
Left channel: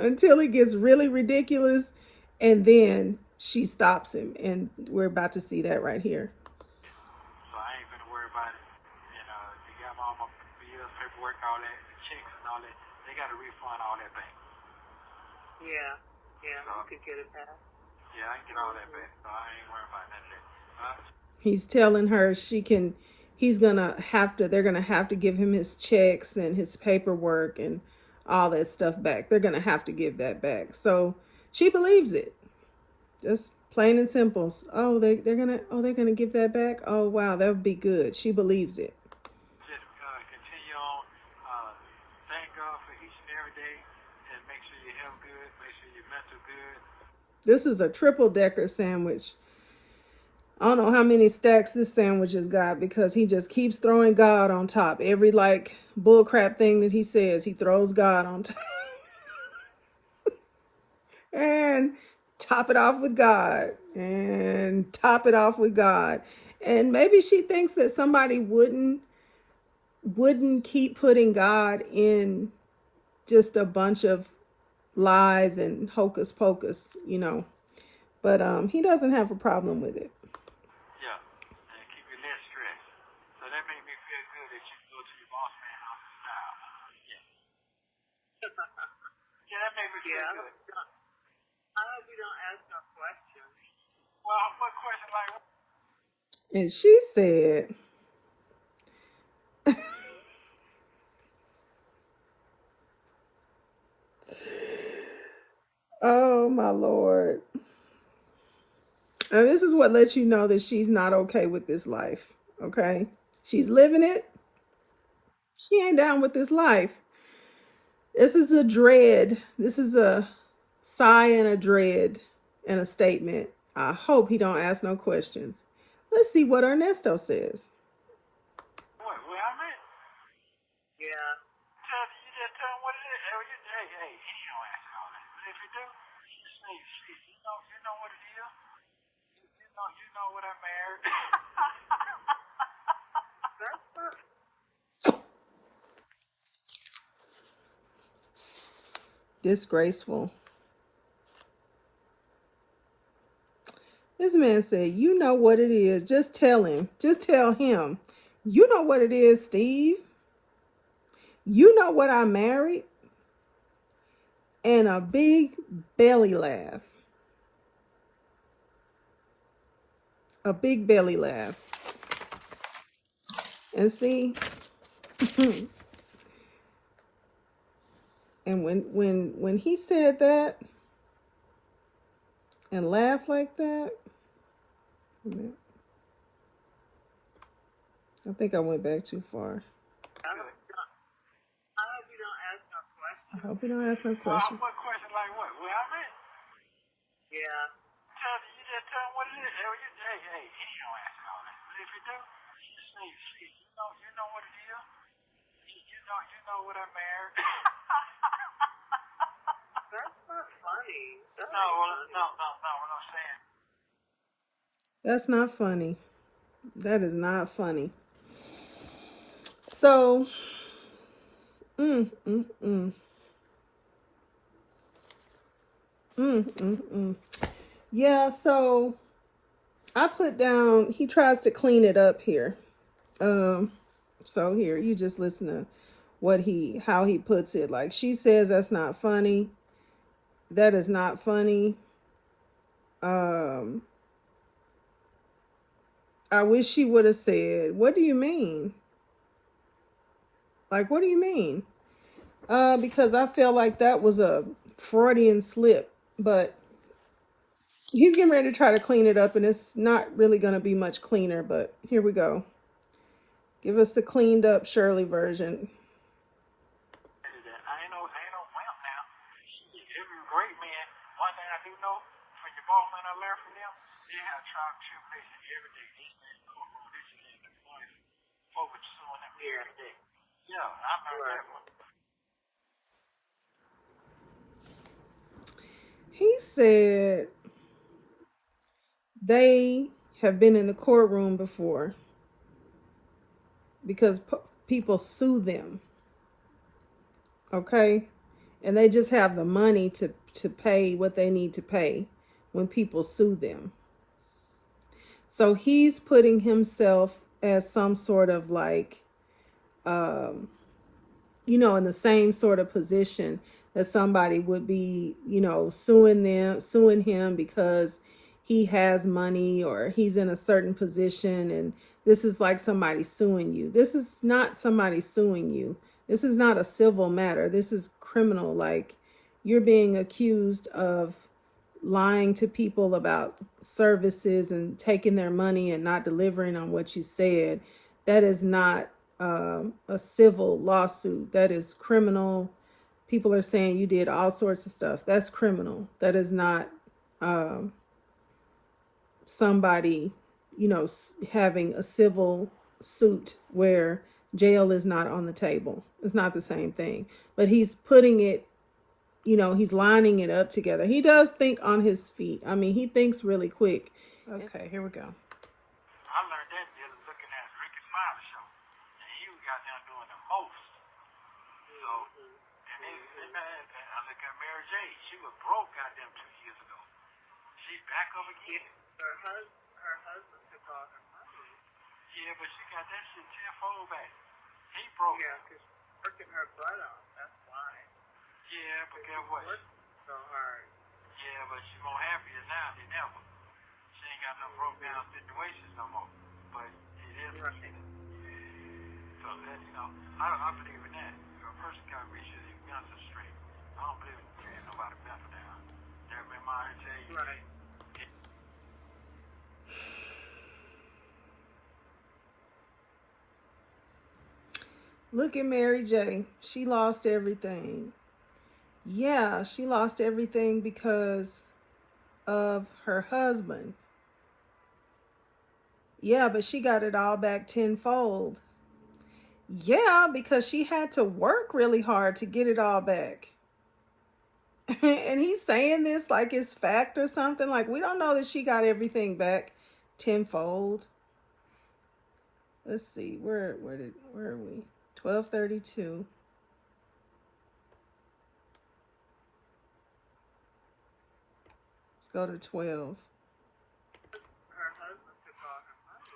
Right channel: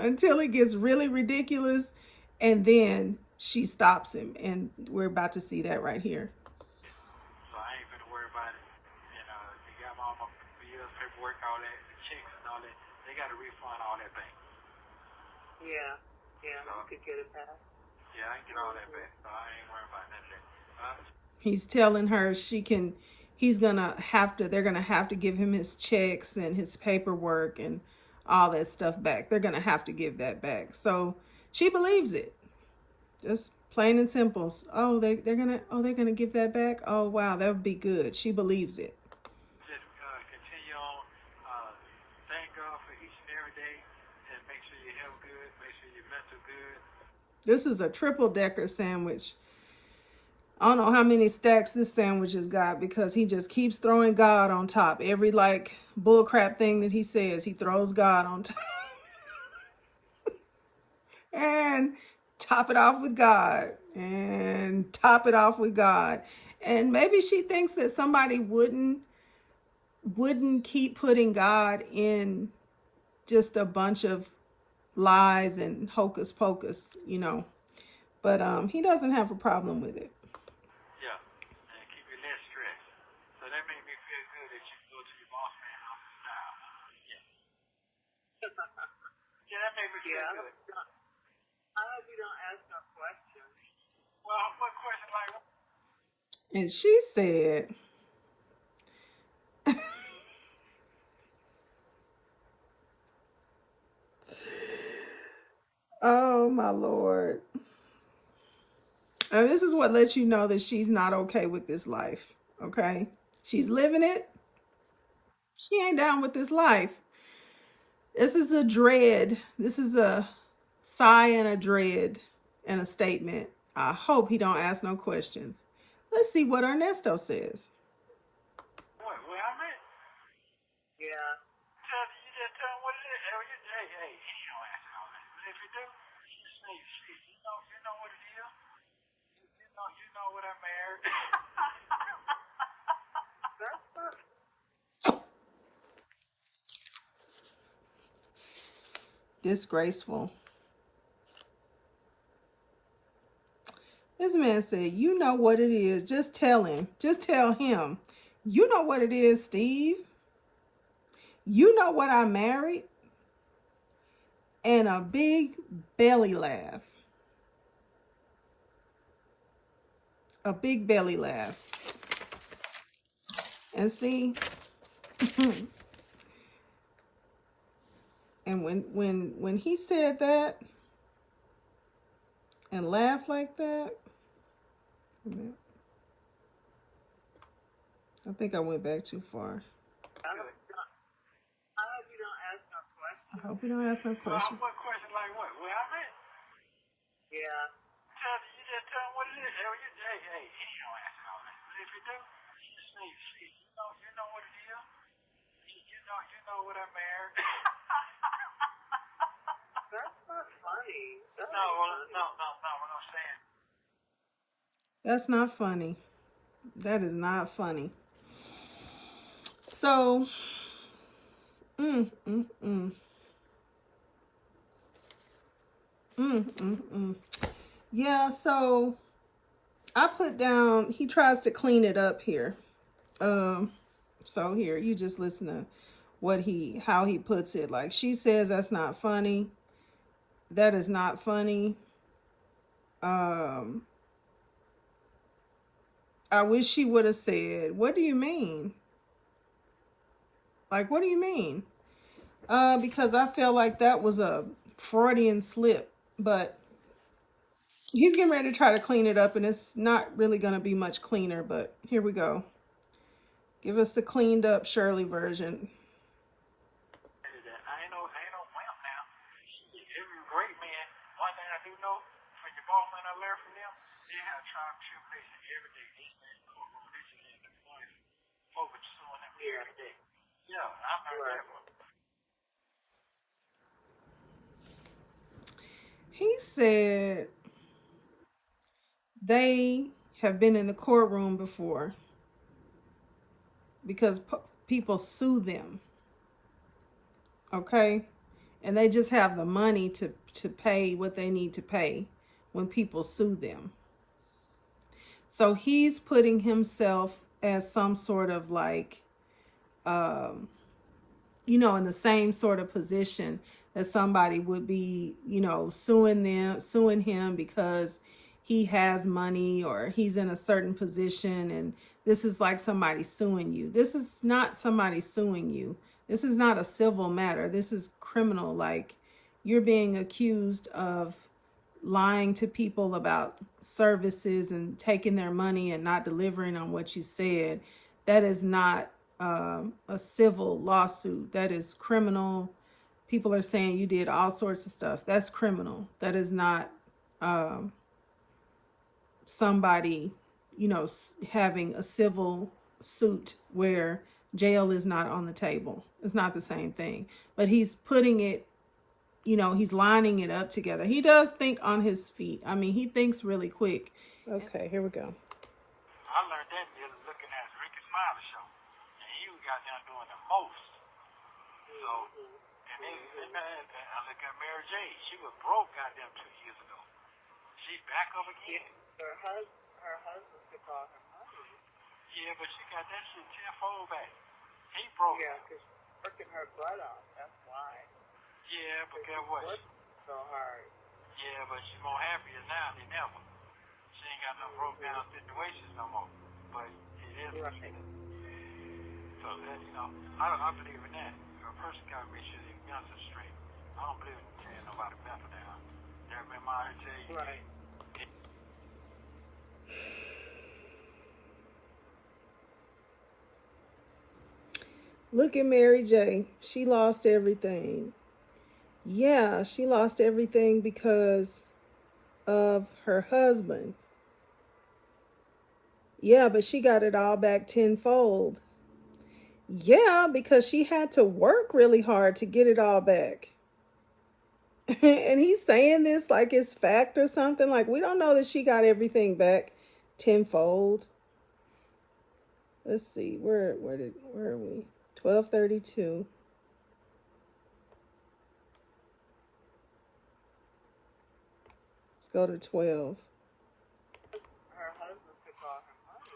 until it gets really ridiculous. And then she stops him. And we're about to see that right here. So I ain't gonna worry about it. You got my bills, paperwork, all that, checks and all that. They gotta refund all that back. Yeah, I could get it back. Yeah, I can get all that back. So I ain't worried about that. He's telling her they're gonna have to give him his checks and his paperwork and all that stuff back. They're gonna have to give that back. So she believes it. Just Plain and simple. Oh, they're gonna give that back. Oh wow, that would be good. She believes it. Continue on. Thank God for each and every day, and make sure you health good, make sure your mental good. This is a triple decker sandwich. I don't know how many stacks this sandwich has got because he just keeps throwing God on top. Every like bullcrap thing that he says, he throws God on top. And top it off with God. And top it off with God. And maybe she thinks that somebody wouldn't keep putting God in just a bunch of lies and hocus pocus, you know. But he doesn't have a problem with it. Yeah, and keep it less stress. So that made me feel good that you go to your boss man on the style. Yeah, that made me feel good. I hope you don't ask no questions. Well, what question like? And she said, oh my Lord. And this is what lets you know that she's not okay with this life. Okay. She's living it. She ain't down with this life. This is a dread. This is a sigh and a dread and a statement. I hope he don't ask no questions. Let's see what Ernesto says. What, where I'm at? Yeah. You just tell him what it is. Every day, hey, you don't ask all that. But if you do, just say, you know what it is. You know what I'm married. Disgraceful. This man said, you know what it is. Just tell him. Just tell him. You know what it is, Steve. You know what I married? And a big belly laugh. A big belly laugh. And see, and when he said that and laughed like that, I think I went back too far. I hope you don't ask no question. What question like what? Where I'm at? Yeah. You just tell him what it is. Every day, hey, you don't ask all that. But if you do, just say, you know what it is. You know what I'm married. That's not funny. No, what I'm saying. That's not funny. That is not funny. So, mm, mm, mm. Yeah, so I put down, he tries to clean it up here. So here, you just listen to how he puts it. Like, she says that's not funny. That is not funny. I wish she would have said, what do you mean? Like, what do you mean? Because I felt like that was a Freudian slip, but he's getting ready to try to clean it up, and it's not really going to be much cleaner, but here we go. Give us the cleaned up Shirley version. I ain't no pimp now. Every great man, one thing I do know, when your boss man I learn from them, they have tried to basically every day. They know who they see the money focus on them every day. Yeah, I know that one. He said they have been in the courtroom before because people sue them. Okay? And they just have the money to pay what they need to pay when people sue them. So he's putting himself as some sort of like, you know, in the same sort of position that somebody would be, you know, suing him because he has money or he's in a certain position. And this is like somebody suing you. This is not somebody suing you. This is not a civil matter. This is criminal. Like, you're being accused of lying to people about services and taking their money and not delivering on what you said, that is not a civil lawsuit. That is criminal. People are saying you did all sorts of stuff. That's criminal. That is not somebody, having a civil suit where jail is not on the table. It's not the same thing. But he's putting it, he's lining it up together. He does think on his feet. I mean, he thinks really quick. Okay, here we go. I learned that just looking at Ricky Smiley show, and he was out there doing the most. So, and I look at Mary J. She was broke out there 2 years ago. She back up again. Her husband took all her money. Yeah, but she got that shit tenfold back. He broke. Yeah, because working her butt off. That's why. Yeah, but guess what? Working so hard. Yeah, but she's more happier now than ever. She ain't got no broke down situations no more. But it is what it is. So that, I believe in that. A person got to make sure their guns are straight. I don't believe in carrying nobody back down. Never been my to tell you. Right. Look at Mary J. She lost everything. Yeah, she lost everything because of her husband. Yeah, but she got it all back tenfold. Yeah, because she had to work really hard to get it all back. And he's saying this like it's fact or something. Like, we don't know that she got everything back tenfold. Let's see, where are we? 12:32. Let's go to 12.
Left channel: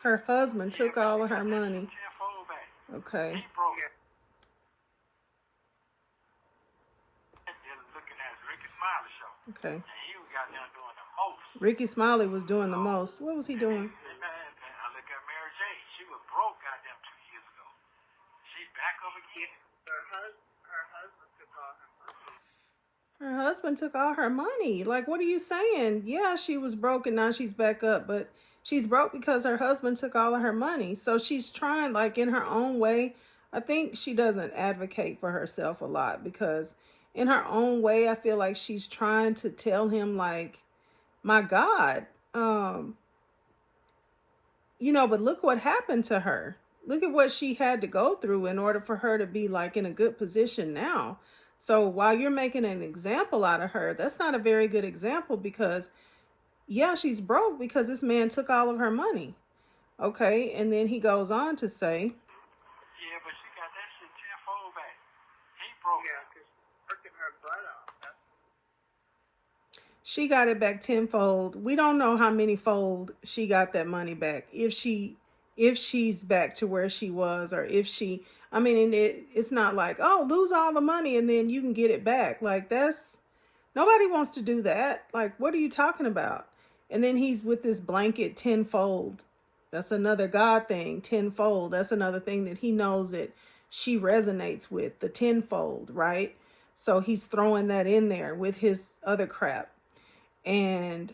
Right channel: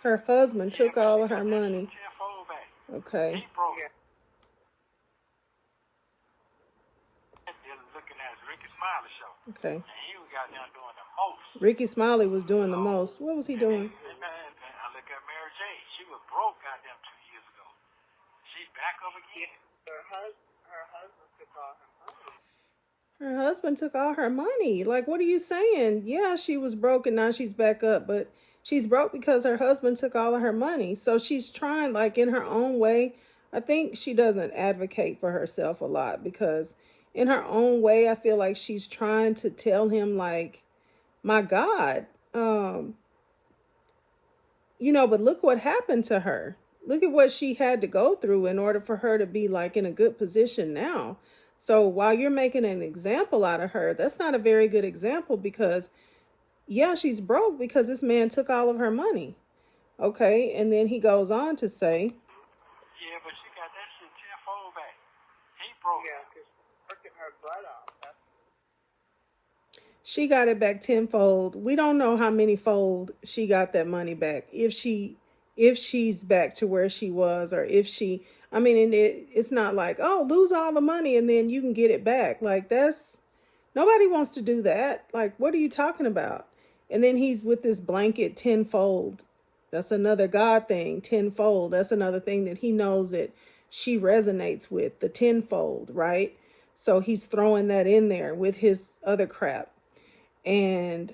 Her husband took all of her money. Okay. Okay. Ricky Smiley was doing the most. What was he doing? Her husband took all her money. Like, what are you saying? Yeah, she was broke and now she's back up, but she's broke because her husband took all of her money. So she's trying, like, in her own way. I think she doesn't advocate for herself a lot because in her own way, I feel like she's trying to tell him, like, my God, but look what happened to her. Look at what she had to go through in order for her to be, like, in a good position now. So while you're making an example out of her, that's not a very good example because, yeah, she's broke because this man took all of her money. Okay, and then he goes on to say, yeah, but she got that shit tenfold back. He broke. Yeah, because working her butt off. She got it back tenfold. We don't know how many fold she got that money back. If she's back to where she was, or if she, I mean, it's not like, oh, lose all the money and then you can get it back. Like, nobody wants to do that. Like, what are you talking about? And then he's with this blanket tenfold. That's another God thing, tenfold. That's another thing that he knows that she resonates with, the tenfold, right? So he's throwing that in there with his other crap. And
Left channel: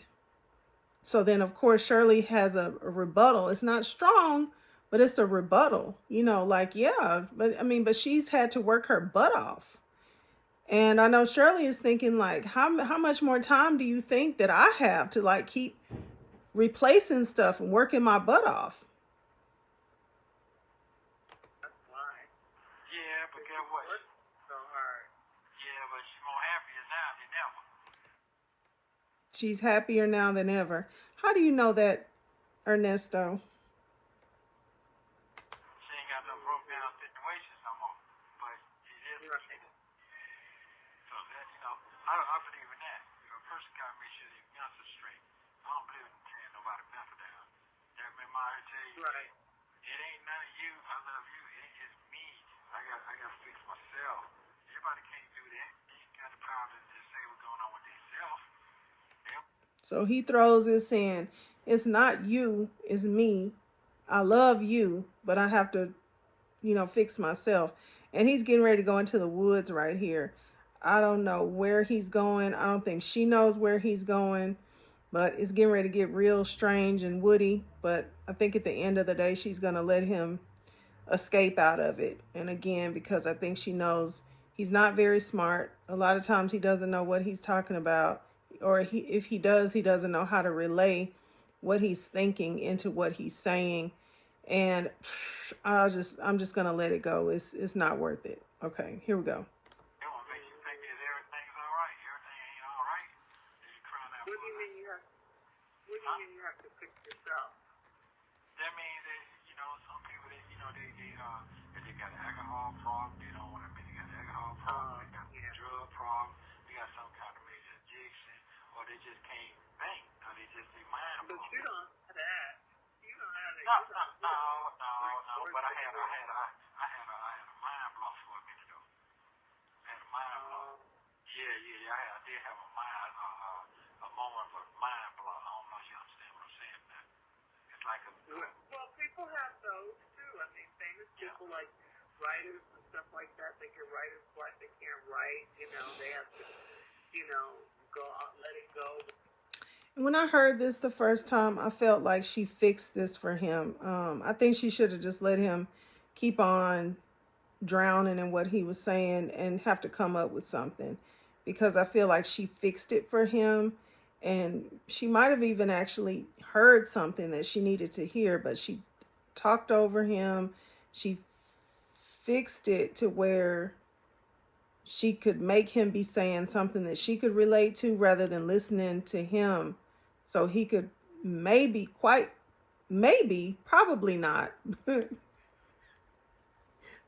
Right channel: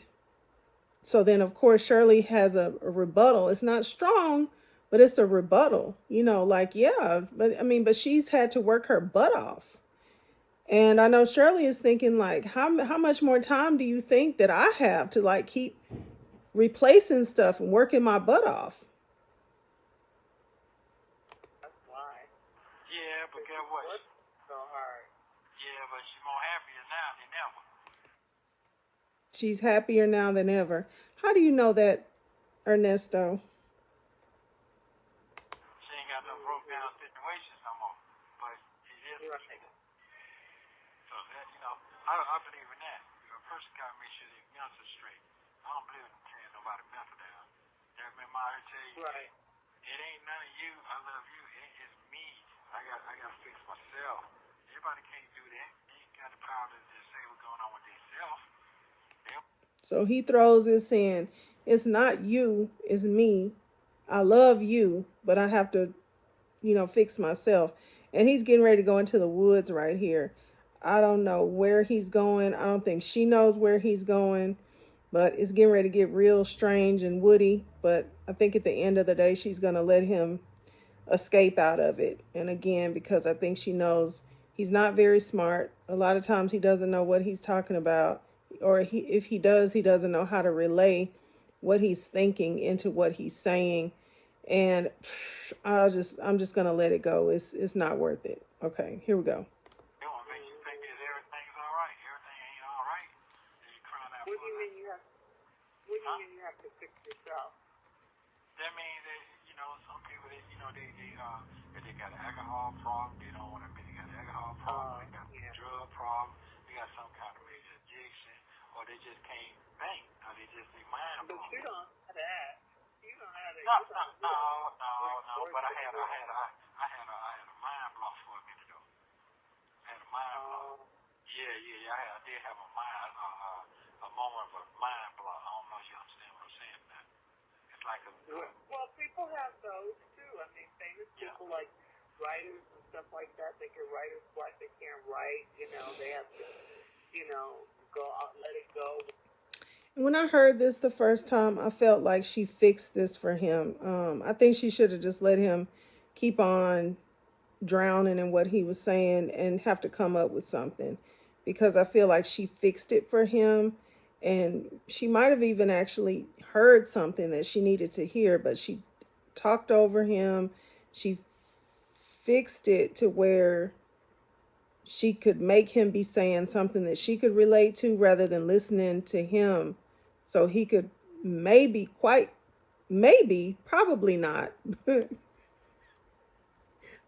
so then, of course, Shirley has a rebuttal. It's not strong, but it's a rebuttal, like, yeah, but she's had to work her butt off. And I know Shirley is thinking, like, how much more time do you think that I have to, like, keep replacing stuff and working my butt off? That's why. Yeah, but guess what? So hard. Yeah, but she's more happier now than ever. She's happier now than ever. How do you know that, Ernesto? She ain't got no broke down situations no more. But it is right. So that, I believe in that. A person got to make sure their guns are straight. I don't believe in carrying nobody back down. Never been my to tell you. Right. It ain't none of you. I love you. It's just me. I got to fix myself. Everybody can't do that. You got the power to just say what's going on with themselves. So he throws this in. It's not you, it's me. I love you, but I have to, fix myself. And he's getting ready to go into the woods right here. I don't know where he's going. I don't think she knows where he's going, but it's getting ready to get real strange and woody. But I think at the end of the day, she's going to let him escape out of it. And again, because I think she knows he's not very smart. A lot of times he doesn't know what he's talking about, or if he does, he doesn't know how to relay what he's thinking into what he's saying. And I'm just going to let it go. It's not worth it. Okay, here we go. What do you mean you have? What do you mean you have to fix yourself? That means that, you know, some people that, you know, they got an alcohol problem, they don't want to be, they got an alcohol problem, they got a drug problem, they got some kind of major addiction, or they just can't think, or they just be mind. But you don't have that. You don't have that. No, but I had a mind block for a minute though. I had a mind block. Yeah, I did have a moment of mind block. I don't know if you understand what I'm saying. It's like a well, people have those too. I mean, famous people like writers and stuff like that. They get writer's block. They can't write. You know, they have to, you know, go out, let it go. When I heard this the first time, I felt like she fixed this for him. I think she should have just let him keep on drowning in what he was saying and have to come up with something, because I feel like she fixed it for him, and she might have even actually heard something that she needed to hear, but she talked over him. She fixed it to where she could make him be saying something that she could relate to rather than listening to him, so he could probably not,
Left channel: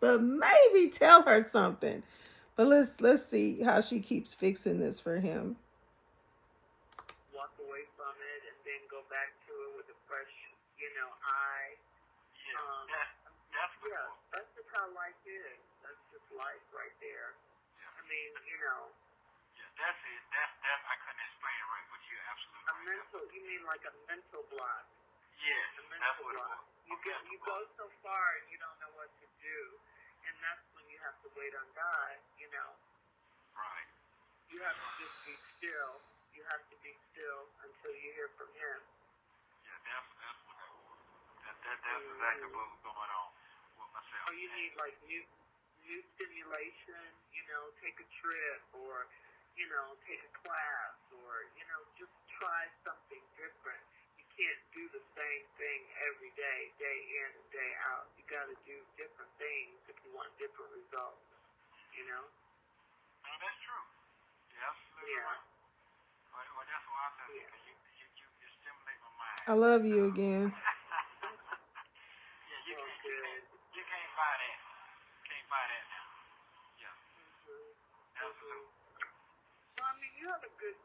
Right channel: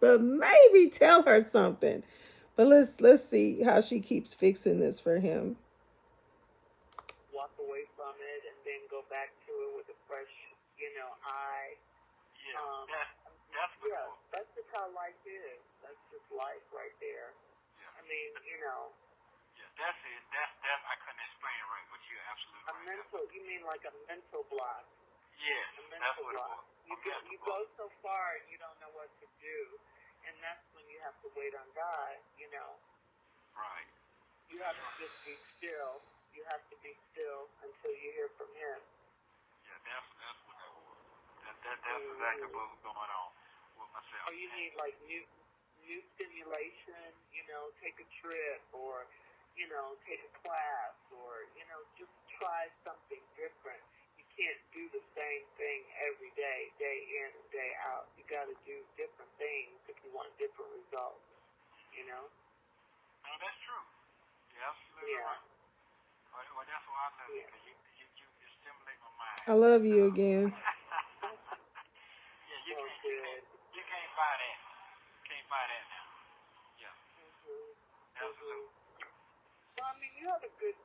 but maybe tell her something. But let's see how she keeps fixing this for him. Walk away from it and then go back to it with a fresh, you know, eye. That's just how life is. That's just life right there. I mean, you know. That's it. That's I couldn't explain it right, but you're absolutely you mean like a mental block? Yeah. A mental block. You go so far and you don't know what to do, and that's when you have to wait on God, you know. Right. You have to just be still. You have to be still until you hear from Him. Yeah, that's what that was. That's exactly what was going on with myself. Or you need like new stimulation, you know, take a trip, or, you know, take a class, or, you know, just try something different. You can't do the same thing every day, day in and day out. You got to do different things if you want different results, you know? No, that's true. Yeah, absolutely. Yeah. Well, that's why I love you. You stimulate my mind. I love you again. Yeah, Good. You can't buy that. You can't buy that now. Yeah. Absolutely. Well, I mean, you have a good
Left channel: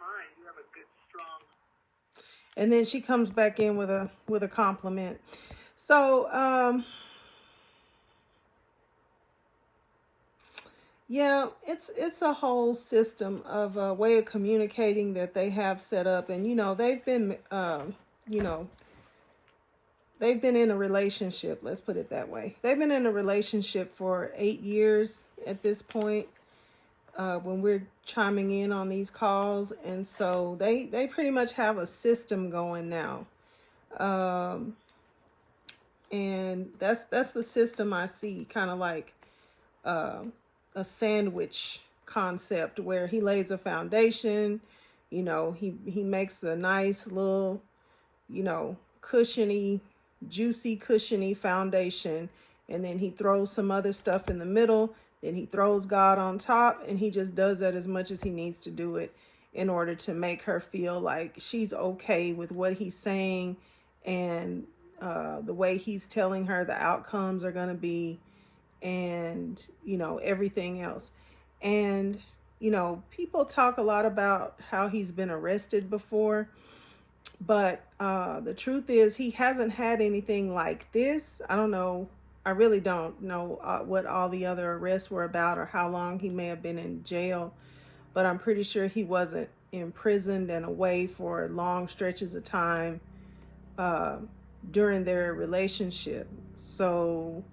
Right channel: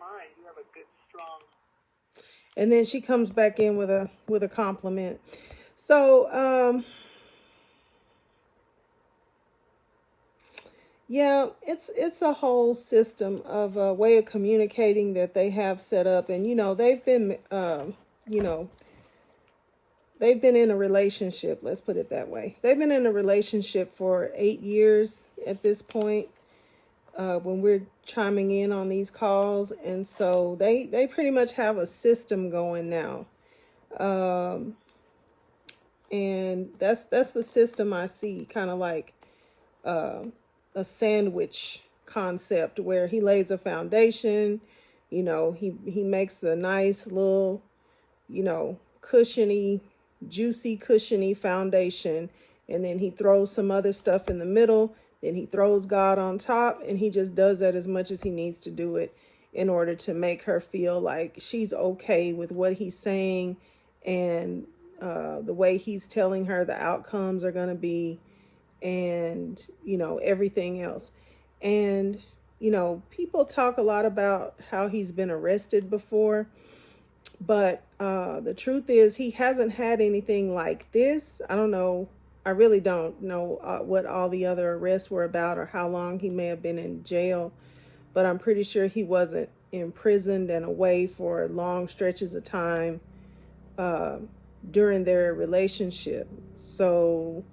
mind. You have a good, strong. And then she comes back in with a compliment. So, yeah, it's a whole system of a way of communicating that they have set up, and you know they've been they've been in a relationship. Let's put it that way. They've been in a relationship for 8 years at this point. When we're chiming in on these calls, and so they pretty much have a system going now, and that's the system I see, kind of like a sandwich concept where he lays a foundation, you know, he makes a nice little, you know, juicy cushiony foundation, and then he throws some other stuff in the middle. Then he throws God on top, and he just does that as much as he needs to do it in order to make her feel like she's okay with what he's saying, and the way he's telling her the outcomes are going to be, and, you know, everything else. And, you know, people talk a lot about how he's been arrested before, but the truth is he hasn't had anything like this. I don't know. I really don't know what all the other arrests were about or how long he may have been in jail, but I'm pretty sure he wasn't imprisoned and away for long stretches of time during their relationship. So,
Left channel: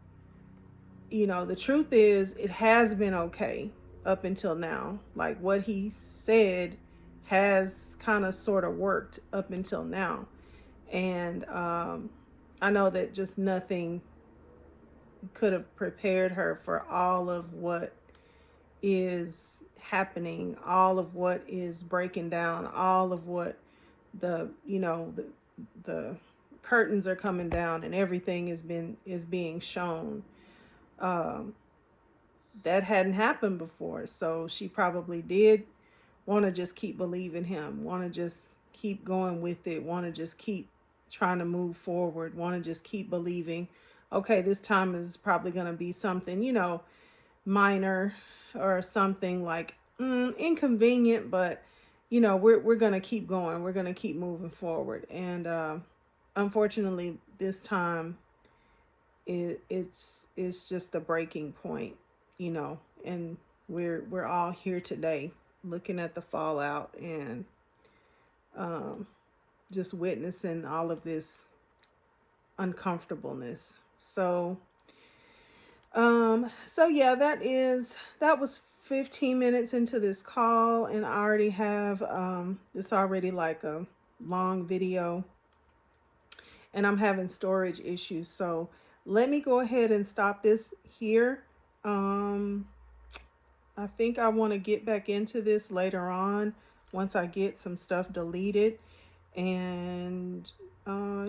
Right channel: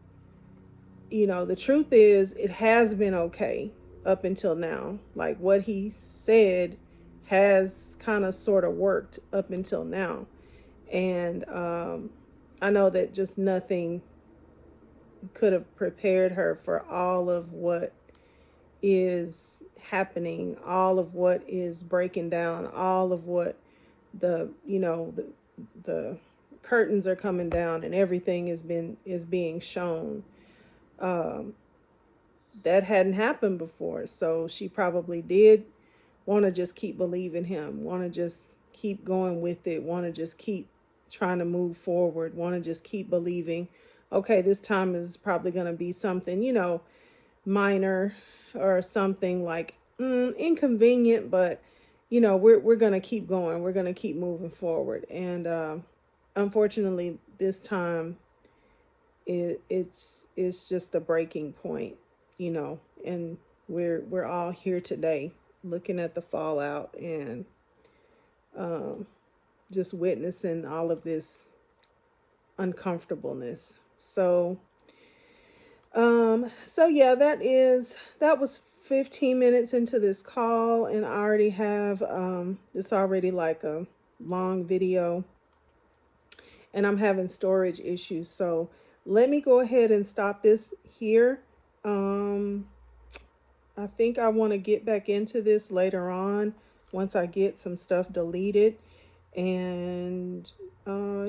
you know, the truth is it has been okay. up until now. Like what he said has kind of sort of worked up until now. And I know that just nothing could have prepared her for all of what is happening, all of what is breaking down, all of what the curtains are coming down and everything is being shown. That hadn't happened before, so she probably did want to just keep believing him, want to just keep going with it, want to just keep trying to move forward, want to just keep believing, okay, this time is probably going to be something, minor or something like inconvenient, but we're going to keep going, we're going to keep moving forward. And unfortunately this time it's just the breaking point, and we're all here today looking at the fallout and just witnessing all of this uncomfortableness. So yeah, that was 15 minutes into this call, and I already have it's already like a long video, and I'm having storage issues. So let me go ahead and stop this here. I think I want to get back into this later on once I get some stuff deleted. And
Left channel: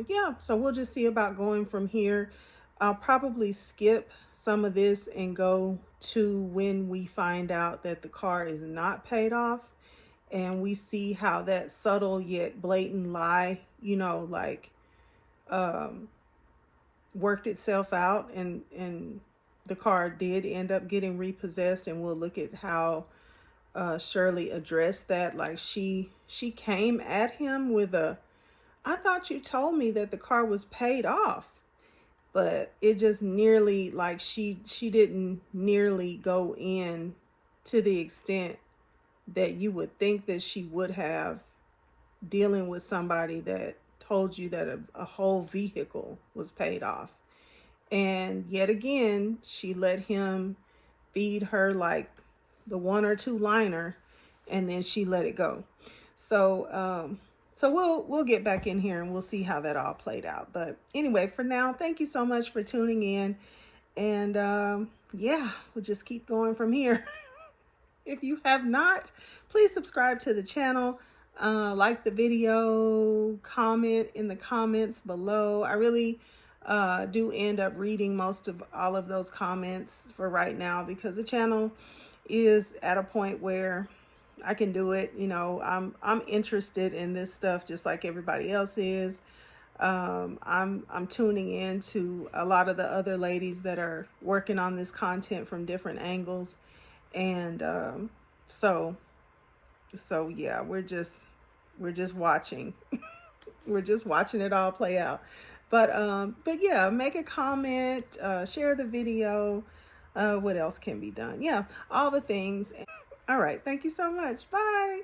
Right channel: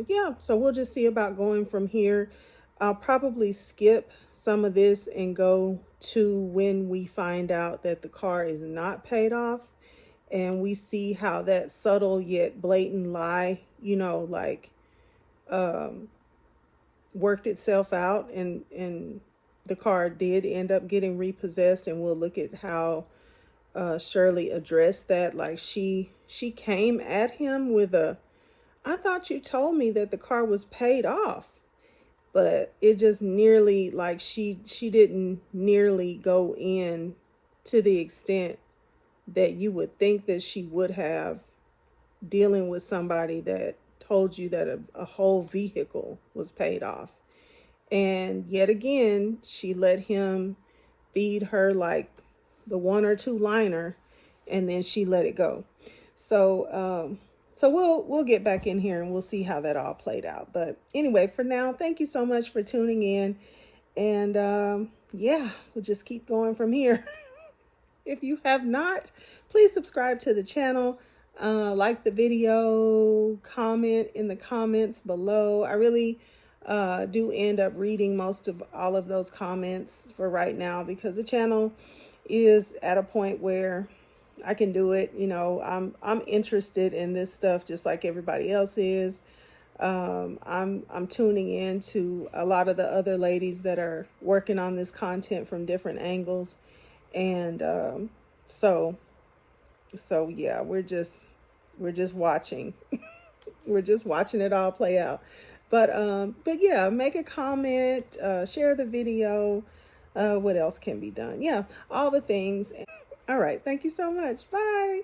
yeah, so we'll just see about going from here. I'll probably skip some of this and go to when we find out that the car is not paid off, and we see how that subtle yet blatant lie, worked itself out, and the car did end up getting repossessed. And we'll look at how Shirley addressed that. Like she came at him with I thought you told me that the car was paid off. But it just nearly, like she didn't nearly go in to the extent that you would think that she would have, dealing with somebody that told you that a whole vehicle was paid off. And yet again, she let him feed her like the 1 or 2 liner, and then she let it go. So we'll get back in here and we'll see how that all played out. But anyway, for now, thank you so much for tuning in. And yeah, we'll just keep going from here. If you have not, please subscribe to the channel, like the video, comment in the comments below. I really do end up reading most of all of those comments for right now, because the channel is at a point where I can do it. I'm interested in this stuff just like everybody else is. I'm tuning in to a lot of the other ladies that are working on this content from different angles. And so yeah, we're just watching. We're just watching it all play out. But yeah, make a comment, share the video. What else can be done? Yeah, all the things. All right, thank you so much. Bye.